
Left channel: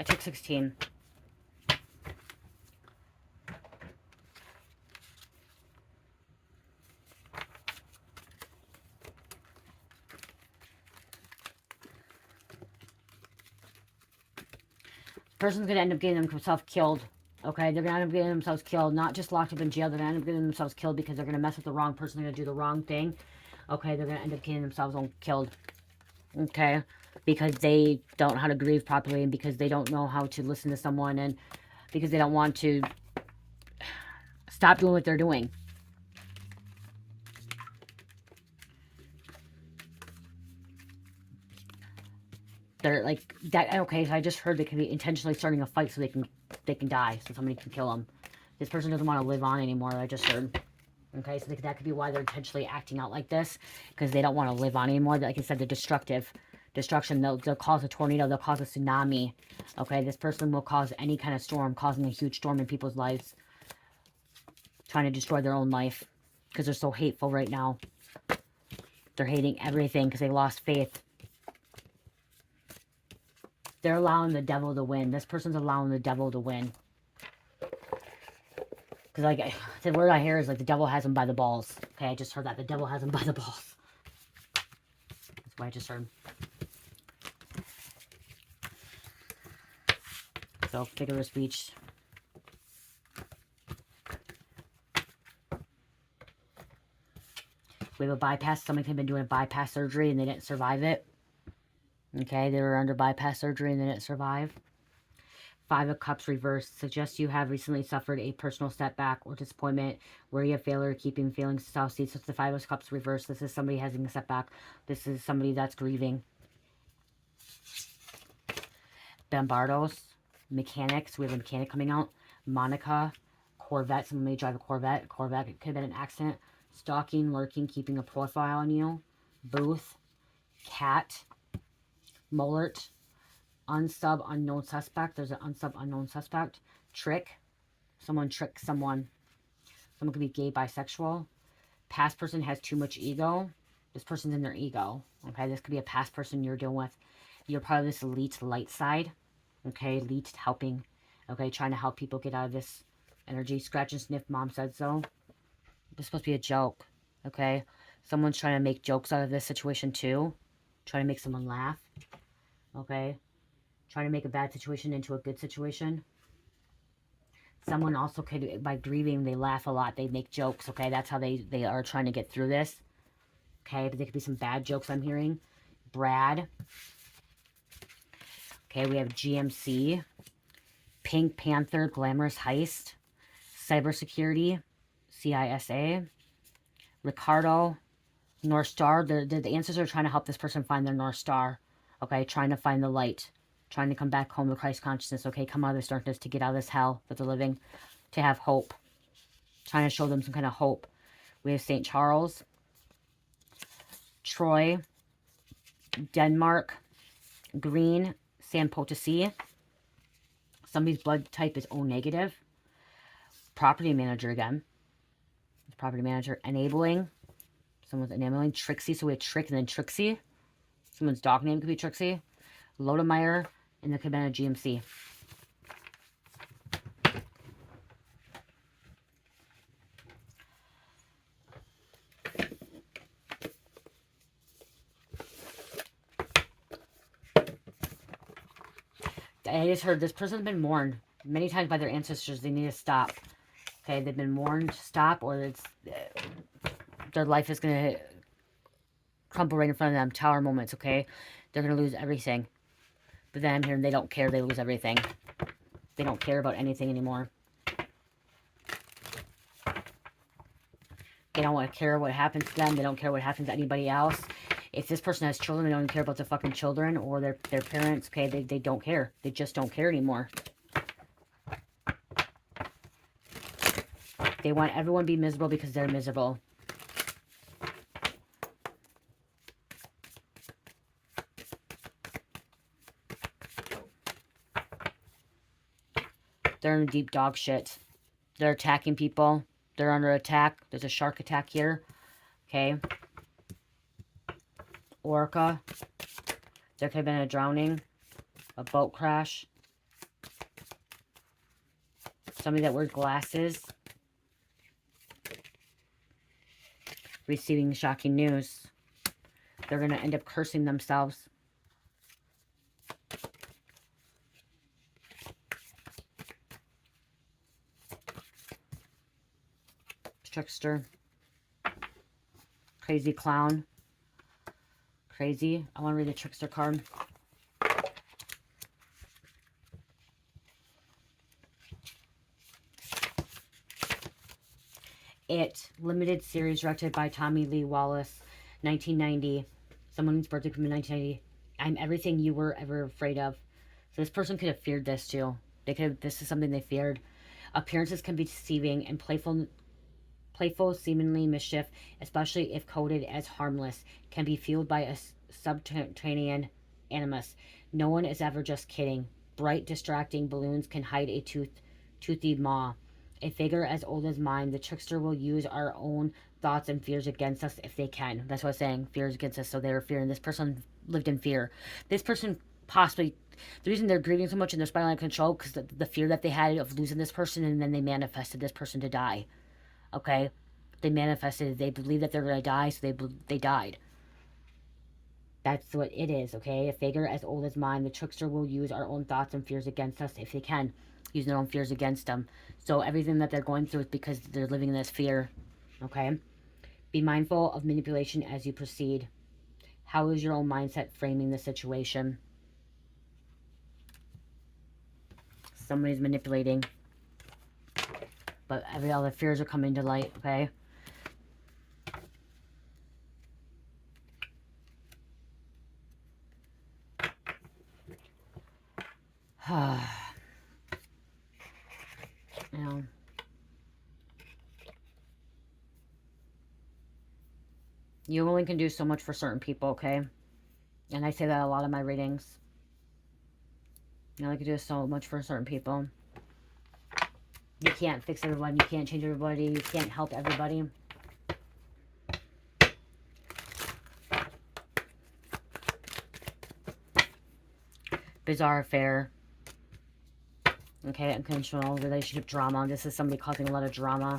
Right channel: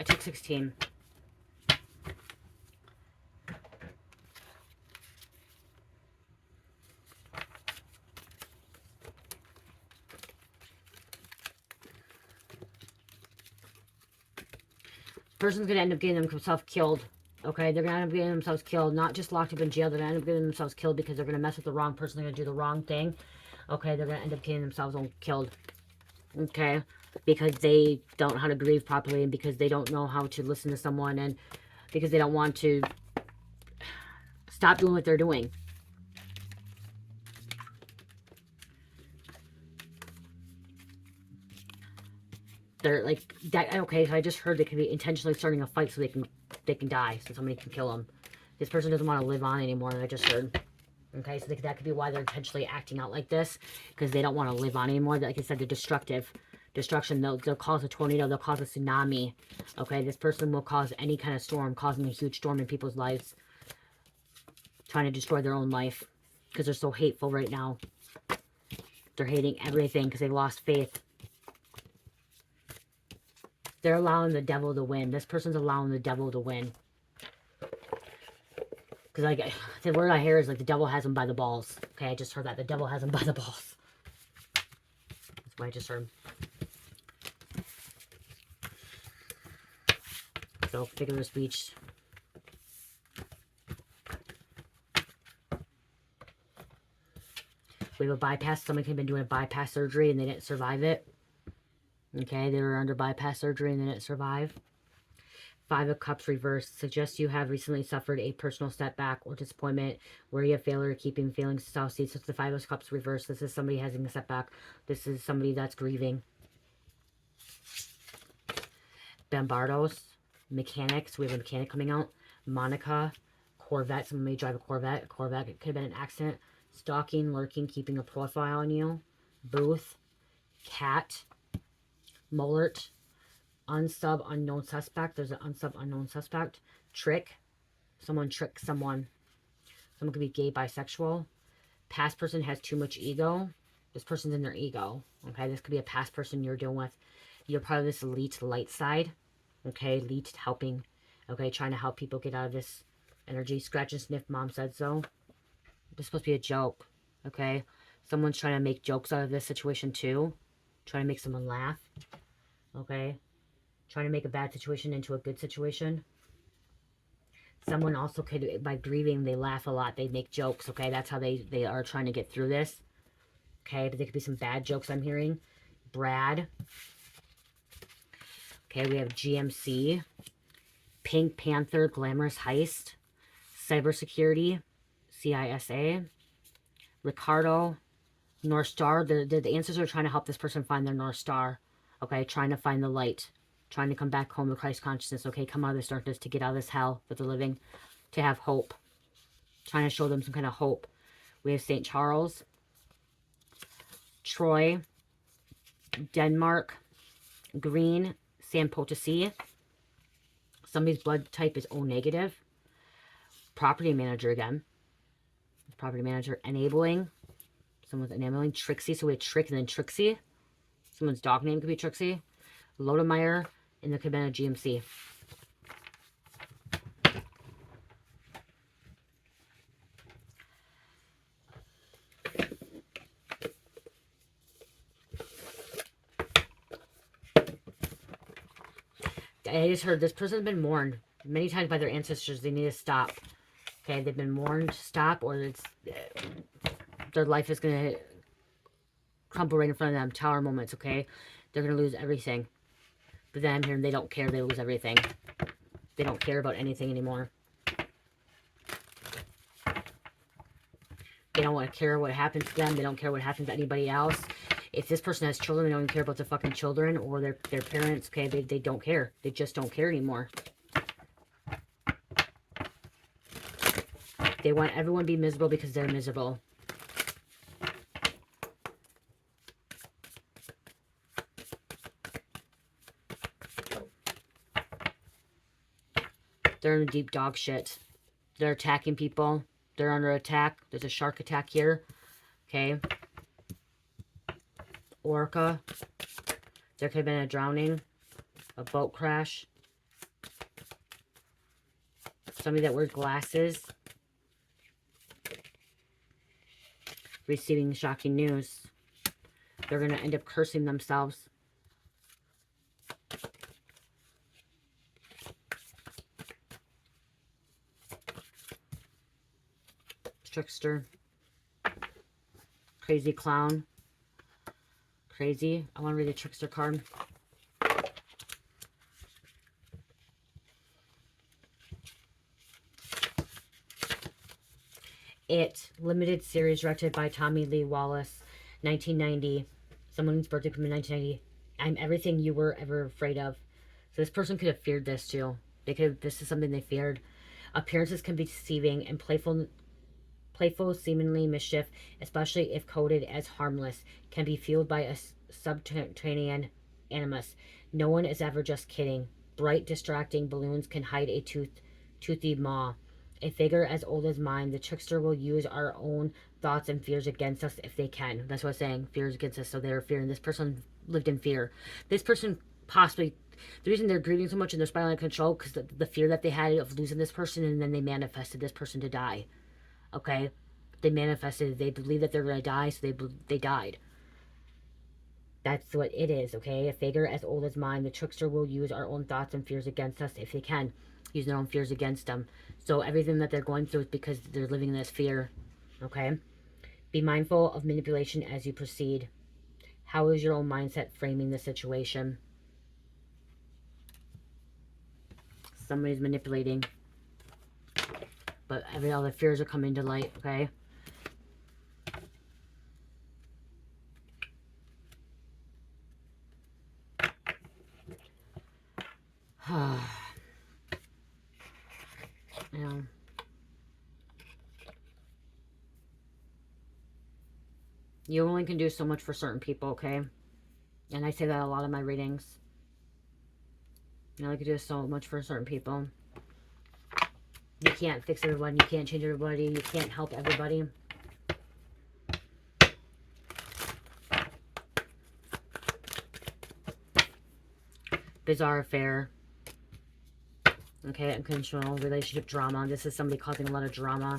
I took 16. Person's going to end up getting themselves killed. Okay, they're going to end up getting themselves killed. Not just locked up in jail. They're going to end up getting themselves killed because they're going to mess with the wrong person. They're going to do the wrong thing. Okay, they're going to end up getting themselves killed. Okay, because they don't know how to grieve properly, and because they don't know how to listen to someone, and because they don't want to stop doing what they're doing. They're like that. Okay, so I just heard they could be intentionally starting a fight so they can die, so somebody can kill them. This person doesn't want to live on anymore. I just heard. Okay, so that could be why they're intentionally acting out like this, because they don't want to live on anymore. Like I said, they're destructive. Destruction, they'll cause a tornado, they'll cause a tsunami. Okay, this person will cause any kind of storm, causing a huge storm in people's lives. Trying to destroy their own life, because they're so hateful right now. They're hating everything, because they lost faith. They're allowing the devil to win. This person's allowing the devil to win. Because like, the word I hear is like the devil has him by the balls. Okay, I just heard that. The devil has him by the balls. That's what I just heard. So, figure of speech. We have a bypass. Somebody could have been doing a bypass surgery and they didn't survive it. Okay, they were under bypass surgery and they didn't survive. 5 of Cups reversed suggests you have recently suffered a personal setback or disappointment where you have failure keeping feelings to Southseed. So it's the 5 of Cups reversed. This is somebody having a setback. This is somebody that's grieving. Bombardos, mechanics. We have a mechanic coming out. Monica, Corvette. Someone may drive a Corvette. Corvette, it could have been an accident. Stalking, lurking, keeping a profile on you. Booth, cat, Mullert. Unsub, unknown suspect. There's an unsub, unknown suspect. Trick. Someone tricks someone. Someone could be gay, bisexual. Past person has too much ego. This person's in their ego. Okay, this could be a past person you're dealing with. You're part of this elite light side. Okay, elite helping. Okay, trying to help people get out of this energy. Scratch and sniff, mom said so. This is supposed to be a joke. Okay, someone's trying to make jokes out of this situation too. Trying to make someone laugh. Okay. Trying to make a bad situation into a good situation. Someone also could, by grieving, they laugh a lot. They make jokes, okay? That's how they are trying to get through this. Okay, but there could be some bad jokes I'm hearing. Brad. Okay, we have GMC. Pink Panther, Glamorous Heist. Cybersecurity, CISA. Ricardo, North Star. The answers are trying to help this person find their North Star. Okay, trying to find the light. Trying to come back home to Christ consciousness. Okay, come out of this darkness to get out of this hell that they're living. To have hope. Trying to show them some kind of hope. We have St. Charles. Troy. Denmark. Green. San Potosi. Somebody's blood type is O negative. Property manager again. Property manager. Enabling. Someone's enabling. Trixie. So we have Trick and then Trixie. Someone's dog name could be Trixie. Lodemeyer. And there could have been a GMC. I just heard this person's been warned many times by their ancestors. They need to stop. Okay, they've been warned to stop, or it's their life is going to crumple right in front of them. Tower moments, okay? They're going to lose everything. for them here, and they don't care. They lose everything. They don't care about anything anymore. They don't want to care what happens to them. They don't care what happens to anybody else. If this person has children, they don't even care about their fucking children or their parents. Okay, they don't care. They just don't care anymore. They want everyone to be miserable because they're miserable. They're in deep dog shit. They're attacking people. They're under attack. There's a shark attack here. Okay. Orca. There could have been a drowning. A boat crash. Somebody that wears glasses. Receiving shocking news. They're going to end up cursing themselves. Trickster. Crazy clown. Crazy. I want to read the trickster card. It. Limited series directed by Tommy Lee Wallace. 1990. Someone's birthday from 1990. I'm everything you were ever afraid of. So this person could have feared this too. They could have, this is something they feared. Appearances can be deceiving and playful seemingly mischief, especially if coded as harmless, can be fueled by a subterranean animus. No one is ever just kidding. Bright, distracting balloons can hide a toothy maw. A figure as old as mine, the trickster will use our own thoughts and fears against us if they can. That's what I was saying. Fears against us, so they're fearing. This person lived in fear. This person possibly, the reason they're grieving so much and they're spiraling out of control, because the fear that they had of losing this person, and then they manifested this person to die. Okay? They manifested, they believe that they're going to die, so they died. That's what it is, okay? A figure as old as mine, the trickster will use our own thoughts and fears against us if they can. Use their own fears against them. So everything that they're going through is because they're living in this fear, okay? Be mindful of manipulation as you proceed. How is your own mindset framing the situation? Somebody's manipulating. But every other fears are coming to light, okay? You know, you only can do so much for certain people, okay? And I say that a lot in my readings. You only can do so much for certain people. You can't fix everyone. You can't change everybody. You can't help everybody. Bizarre affair. Okay, unconventional relationship drama. This is somebody causing a lot of drama.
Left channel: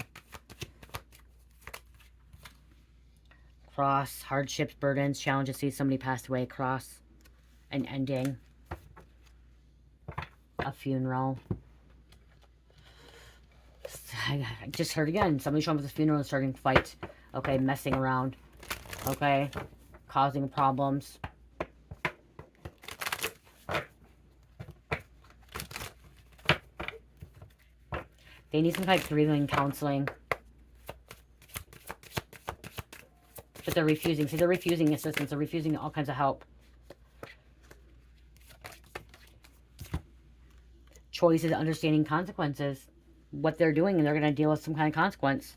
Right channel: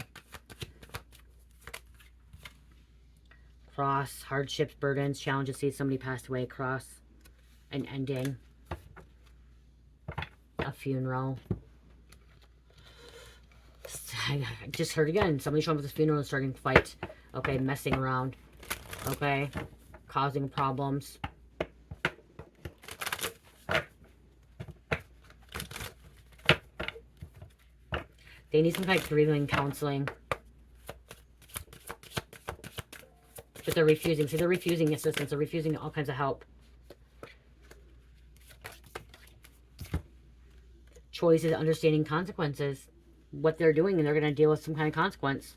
Cross, hardships, burdens, challenges. See somebody passed away. Cross, an ending. A funeral. I just heard again. Somebody showing up at the funeral and starting to fight. Okay, messing around. Okay, causing problems. They need some kind of grieving counseling. But they're refusing. See, they're refusing assistance. They're refusing all kinds of help. Choice is understanding consequences. What they're doing, and they're going to deal with some kind of consequence.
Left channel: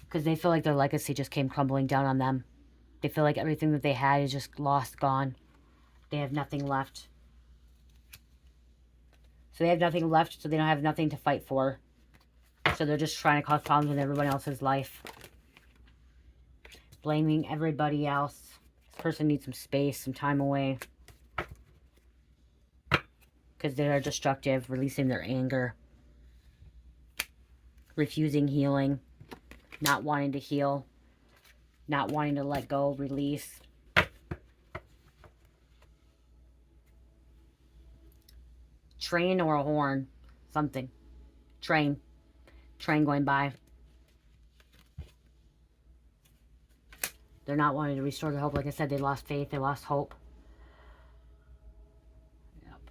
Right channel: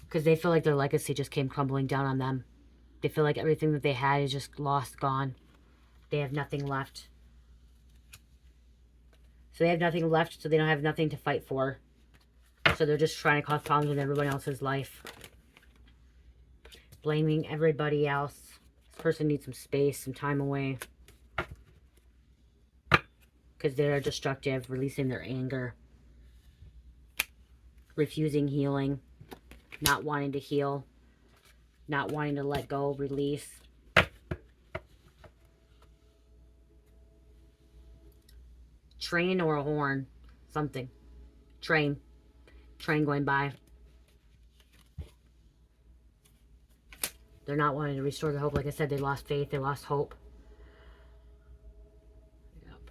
Because they feel like their legacy just came crumbling down on them. They feel like everything that they had is just lost, gone. They have nothing left. So they have nothing left, so they don't have nothing to fight for. So they're just trying to cause problems in everyone else's life. Blaming everybody else. This person needs some space, some time away. Because they are destructive, releasing their anger. Refusing healing. Not wanting to heal. Not wanting to let go, release. Train or a horn. Something. Train. Train going by. They're not wanting to restore their hope. Like I said, they lost faith. They lost hope.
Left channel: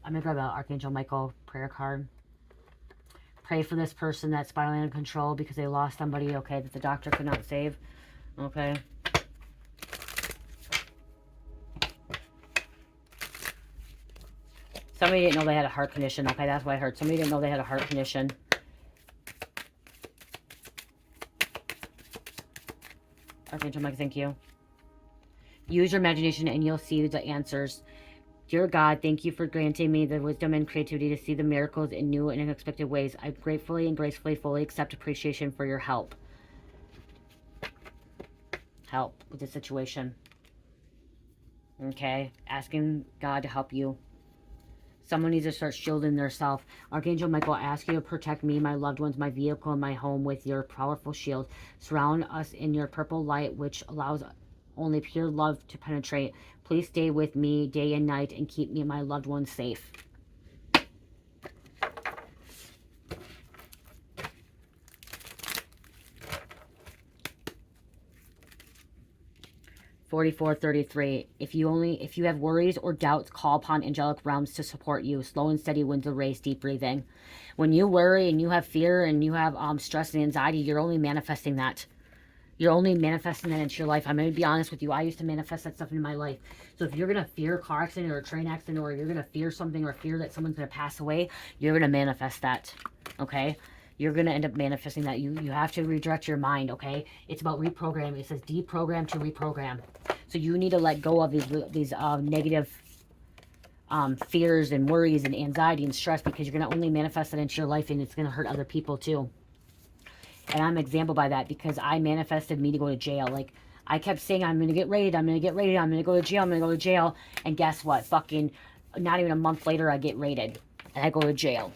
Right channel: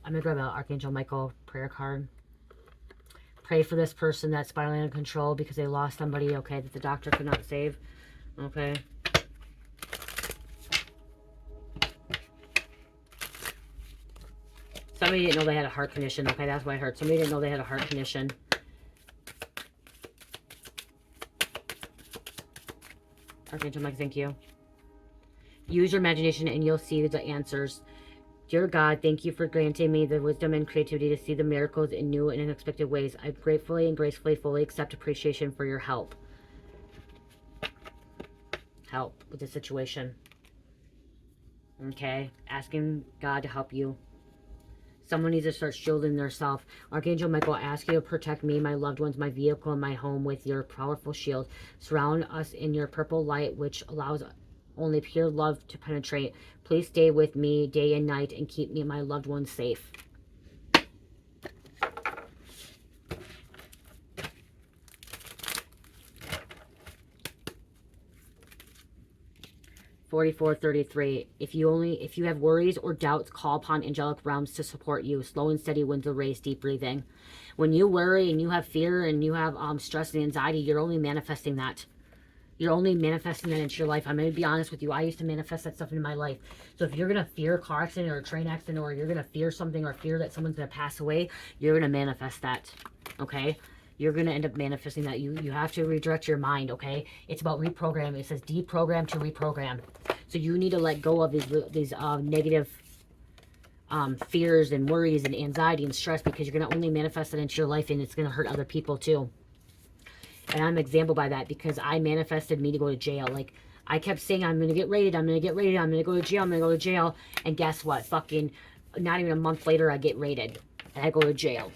I'm going to grab an Archangel Michael prayer card. Pray for this person that's spiraling out of control because they lost somebody, okay, that the doctor could not save. Okay. Somebody didn't know they had a heart condition. Okay, that's what I heard. Somebody didn't know they had a heart condition. Archangel Mike, thank you. Use your imagination and you'll see the answers. Dear God, thank you for granting me the wisdom and creativity to see the miracles in new and unexpected ways. I gratefully and gracefully fully accept appreciation for your help. Help with the situation. Okay, asking God to help you. Someone needs to start shielding themselves. Archangel Michael, I ask you to protect me, my loved ones, my vehicle, and my home with your powerful shield. Surround us in your purple light, which allows only pure love to penetrate. Please stay with me day and night and keep me and my loved ones safe. $44.33. If you have worries or doubts, call upon angelic realms to support you. Slow and steady wins the race. Deep breathing. When you worry and you have fear and you have stress and anxiety, you're only manifesting that. You're only manifesting that into your life. I'm going to be honest with you. I used to manifest that stuff in my life. So if you're going to fear a car accident or a train accident, or you're going to fear something or fear that someone's going to pass away, you're going to manifest that. Okay? You're going to end up manifesting that. You have to redirect your mind, okay? It's about reprogramming. It says deprogram to reprogram. So you need to let go of these negative fears and worries and anxiety and stress, because you're going to only manifest it into your life, and it's going to hurt other people too. And I'm an example by that, because I manifested me to go to jail. Like, I kept saying, I'm going to get raided, I'm going to get raided, I'm going to go to jail, I'm going to go to jail. And guess what? Fucking not even a month later, I get raided. And I go to jail.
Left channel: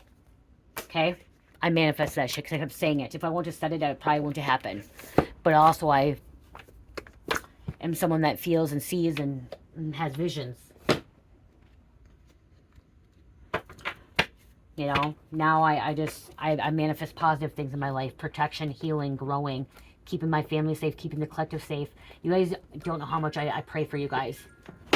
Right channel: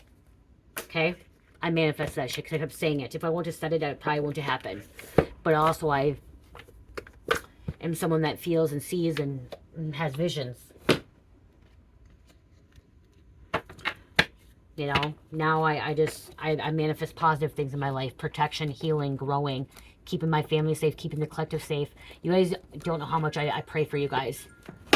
Okay? I manifest that shit because I kept saying it. If I wouldn't have said it, that probably wouldn't have happened. But also, I am someone that feels and sees and has visions. You know, now I manifest positive things in my life. Protection, healing, growing, keeping my family safe, keeping the collective safe. You guys don't know how much I pray for you guys.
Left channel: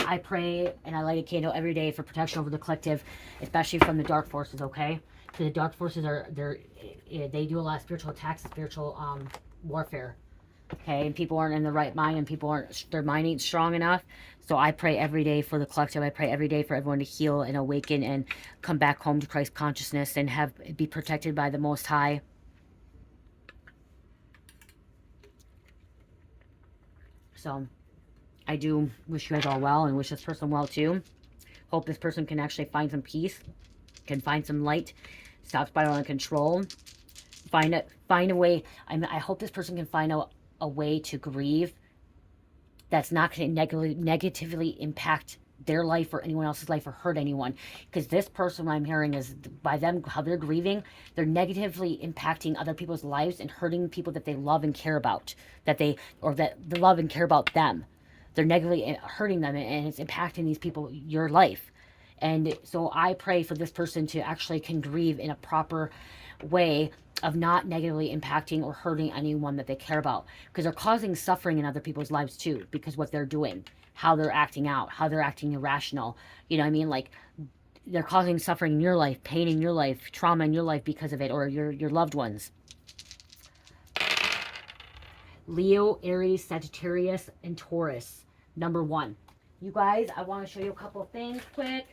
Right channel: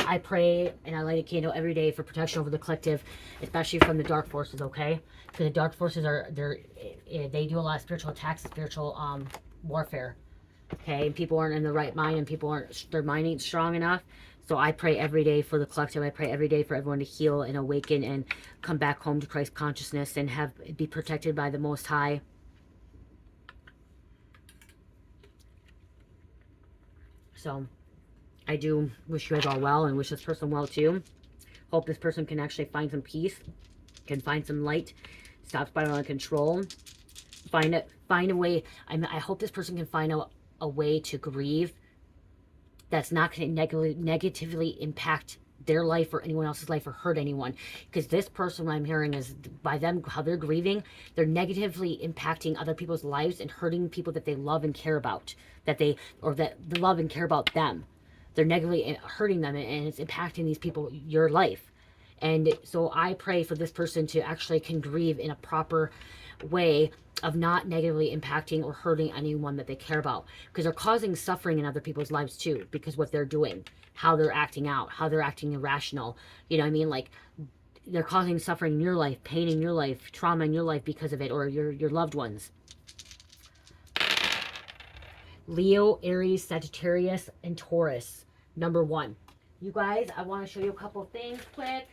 I pray and I light a candle every day for protection over the collective, especially from the dark forces, okay? Because the dark forces they do a lot of spiritual attacks, spiritual warfare, okay? And people aren't in the right mind, and their mind ain't strong enough. So I pray every day for the collective. I pray every day for everyone to heal and awaken and come back home to Christ consciousness and be protected by the Most High. So I do wish you guys all well, and wish this person well too. Hope this person can actually find some peace, can find some light, stop spiraling out of control, find a way. I hope this person can find a way to grieve that's not going to negatively impact their life or anyone else's life or hurt anyone. Because this person, what I'm hearing is, by them, how they're grieving, they're negatively impacting other people's lives and hurting people that they love and care about, that they love and care about them. They're negatively hurting them, and it's impacting these people, your life. And so I pray for this person to actually can grieve in a proper way of not negatively impacting or hurting anyone that they care about, because they're causing suffering in other people's lives too, because what they're doing, how they're acting out, how they're acting irrational. You know what I mean? Like, they're causing suffering in your life, pain in your life, trauma in your life because of it, or your loved ones. Leo, Aries, Sagittarius, and Taurus. Number 1. You guys, I want to show you a couple things quick.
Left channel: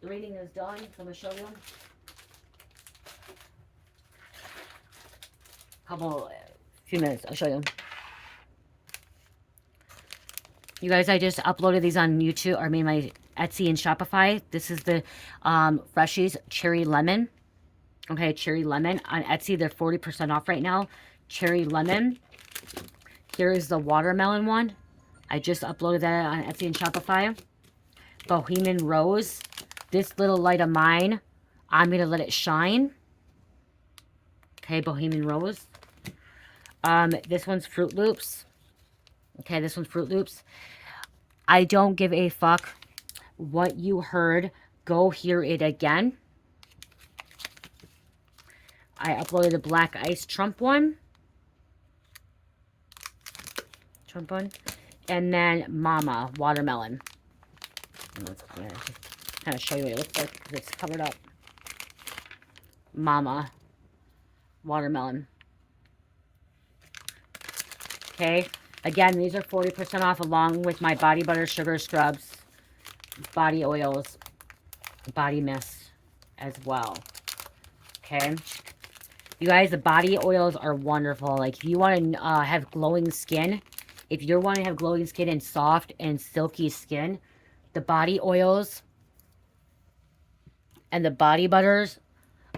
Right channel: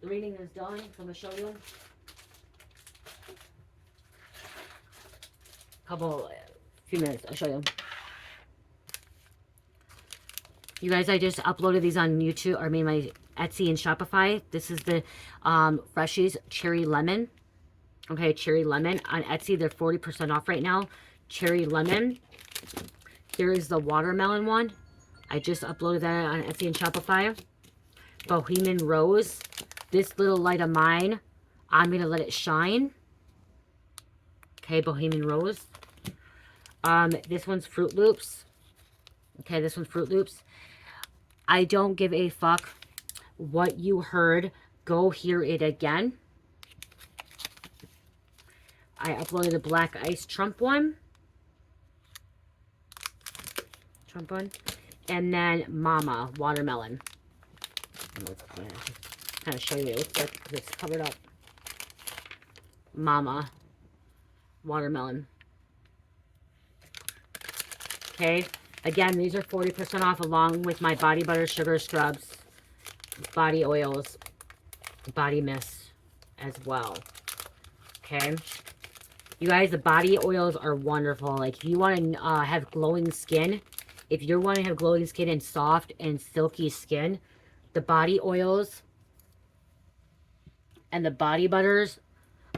The reading is done, so I'm going to show you. Few minutes, I'll show you. You guys, I just uploaded these on YouTube, or my Etsy and Shopify. This is the Freshies Cherry Lemon. Okay, Cherry Lemon. On Etsy, they're 40% off right now. Cherry Lemon. Here is the watermelon one. I just uploaded that on Etsy and Shopify. Bohemian Rose. This little light of mine, I'm going to let it shine. Okay, Bohemian Rose. This one's Fruit Loops. Okay, this one's Fruit Loops. I don't give a fuck what you heard. Go hear it again. I uploaded the Black Ice Trump one. And then Mama Watermelon. kind of show you what it looks like because it's covered up. Mama. Watermelon. Okay. Again, these are 40% off along with my body butter, sugar scrubs, body oils, body mist as well. Okay. You guys, the body oils are wonderful. Like, if you want to have glowing skin, if you want to have glowing skin and soft and silky skin, the body oils and the body butters,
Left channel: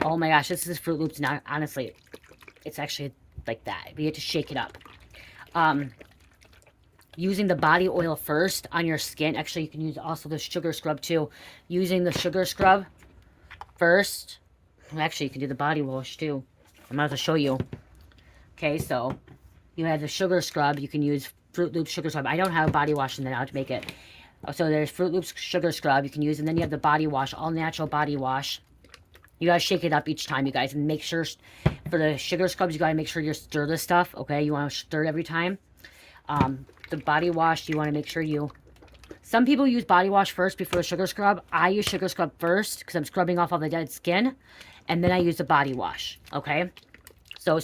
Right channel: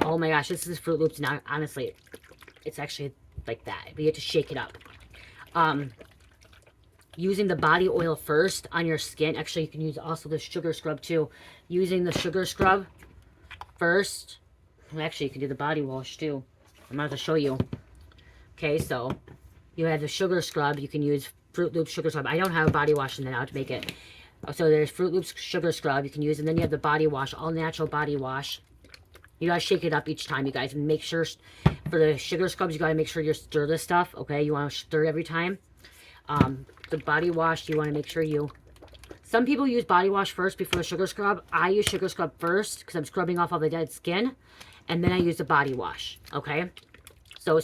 oh my gosh, this is Fruit Loops now. Honestly, it's actually like that. But you have to shake it up. Using the body oil first on your skin. Actually, you can use also the sugar scrub too. Using the sugar scrub first. Actually, you can do the body wash too. I'm about to show you. Okay, so you have the sugar scrub. You can use Fruit Loops sugar scrub. I don't have a body wash in there now to make it. So there's Fruit Loops sugar scrub you can use. And then you have the body wash, all natural body wash. You gotta shake it up each time, you guys. And make sure, for the sugar scrubs, you gotta make sure you stir the stuff. Okay, you want to stir it every time. The body wash, you want to make sure you... Some people use body wash first before the sugar scrub. I use sugar scrub first because I'm scrubbing off all the dead skin. And then I use the body wash. Okay? So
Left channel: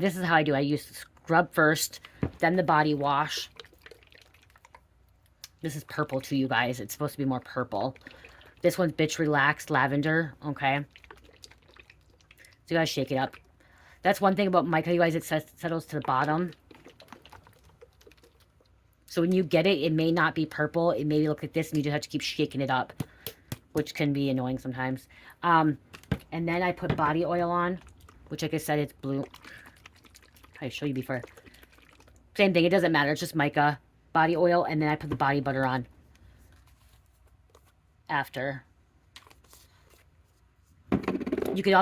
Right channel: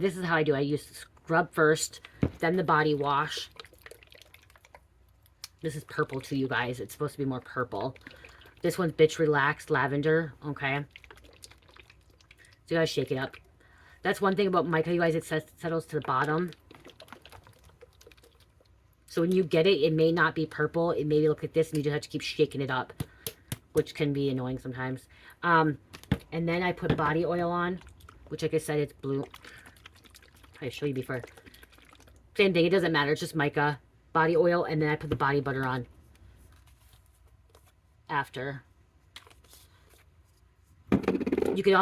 this is how I do. I use the scrub first, then the body wash. This is purple too, you guys. It's supposed to be more purple. This one's Bitch Relaxed Lavender. Okay? So you gotta shake it up. That's one thing about mica, you guys. It settles to the bottom. So when you get it, it may not be purple. It may look like this, and you just have to keep shaking it up, which can be annoying sometimes. And then I put body oil on, which, like I said, it's blue. I showed you before. Same thing. It doesn't matter. It's just mica, body oil, and then I put the body butter on after. You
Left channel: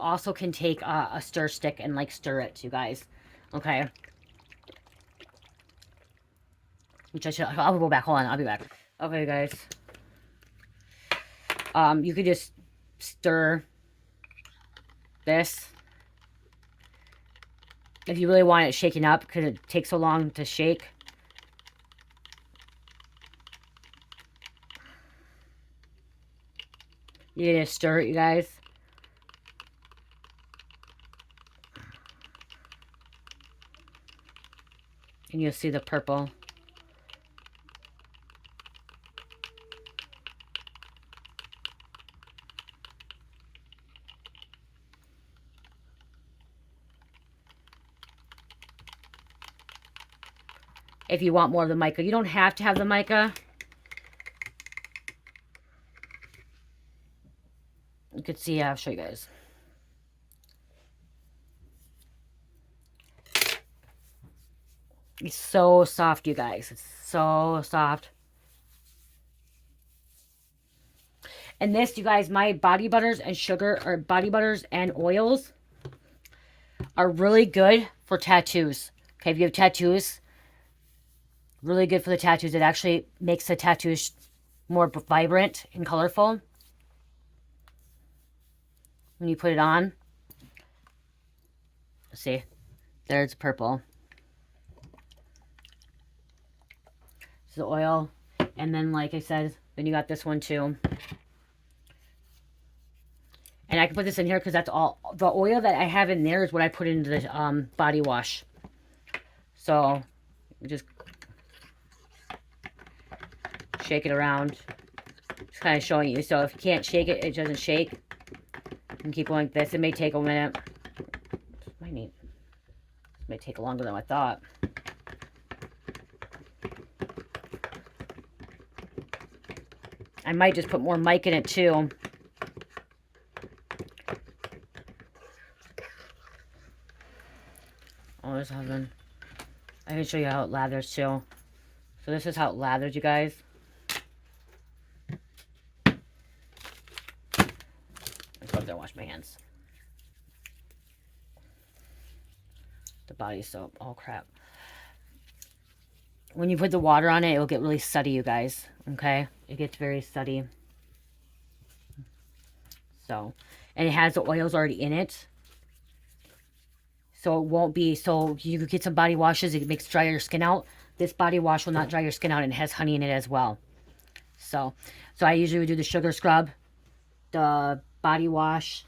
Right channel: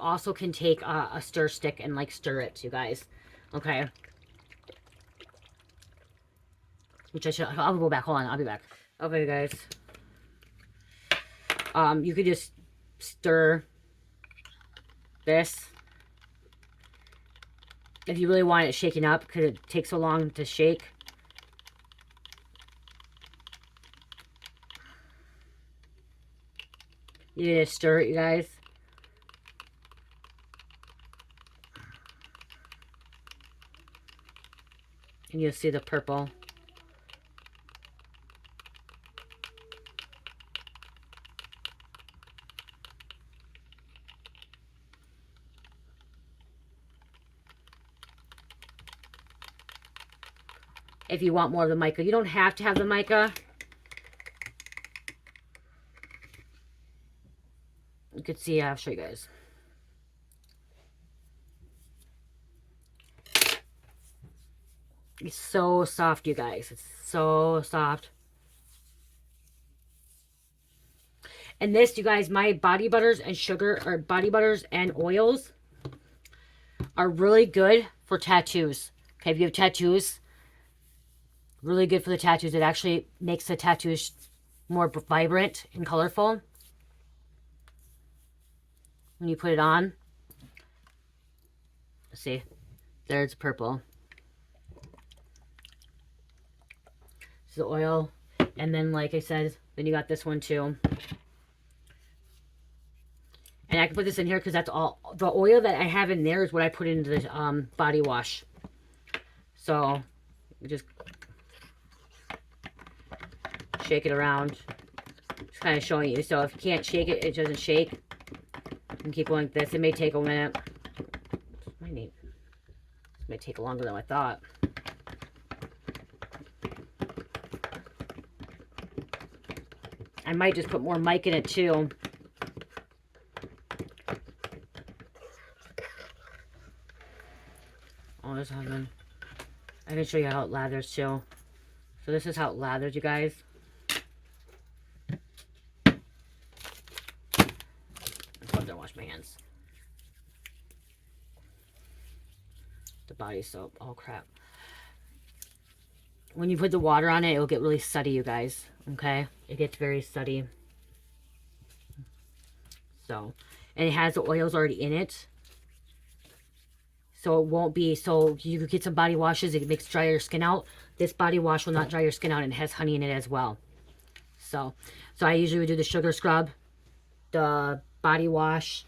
also can take a stir stick and like stir it, you guys. Okay. Which I'll go back. Hold on, I'll be back. Okay, guys. You could just stir this. If you really want it shaken up, because it takes so long to shake. You're gonna stir it, you guys. And you'll see the purple. If you want more of the mica. You don't have to have the mica. You can see, I'll show you guys. It's so soft, you guys. It's so soft. And this, you guys, my body butters and sugar, or body butters and oils are really good for tattoos. Okay, if you have tattoos, really good for the tattoos. It actually makes the tattoos more vibrant and colorful. When you put it on. Let's see. There's purple. This is the oil. And then, like I said, then you got this one too. And I can put this in here because that's all. The oil that I have in there is what I put into the body wash. So, just shake it around. Just kind of showing you. So if you can't shake it, it doesn't shake. And keep going like this. It may take a minute. It may take longer than I thought. I might just put more mic in it too. Oh, this has been. I can show you how it lathers too. So this is how it lathers, you guys. I'm gonna wash my hands. The body soap. Oh crap. When you put the water on it, it will get really sudsy, you guys. Okay? It gets very sudsy. So, and it has the oils already in it. So it won't be, so you could get some body washes, it makes dry your skin out. This body wash will not dry your skin out, and it has honey in it as well. So I usually would do the sugar scrub, the body wash,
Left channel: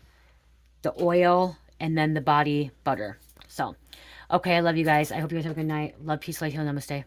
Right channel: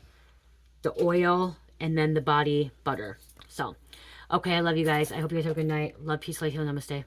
the oil, and then the body butter. So, okay, I love you guys. I hope you guys have a good night. Love, peace, light, heal, namaste.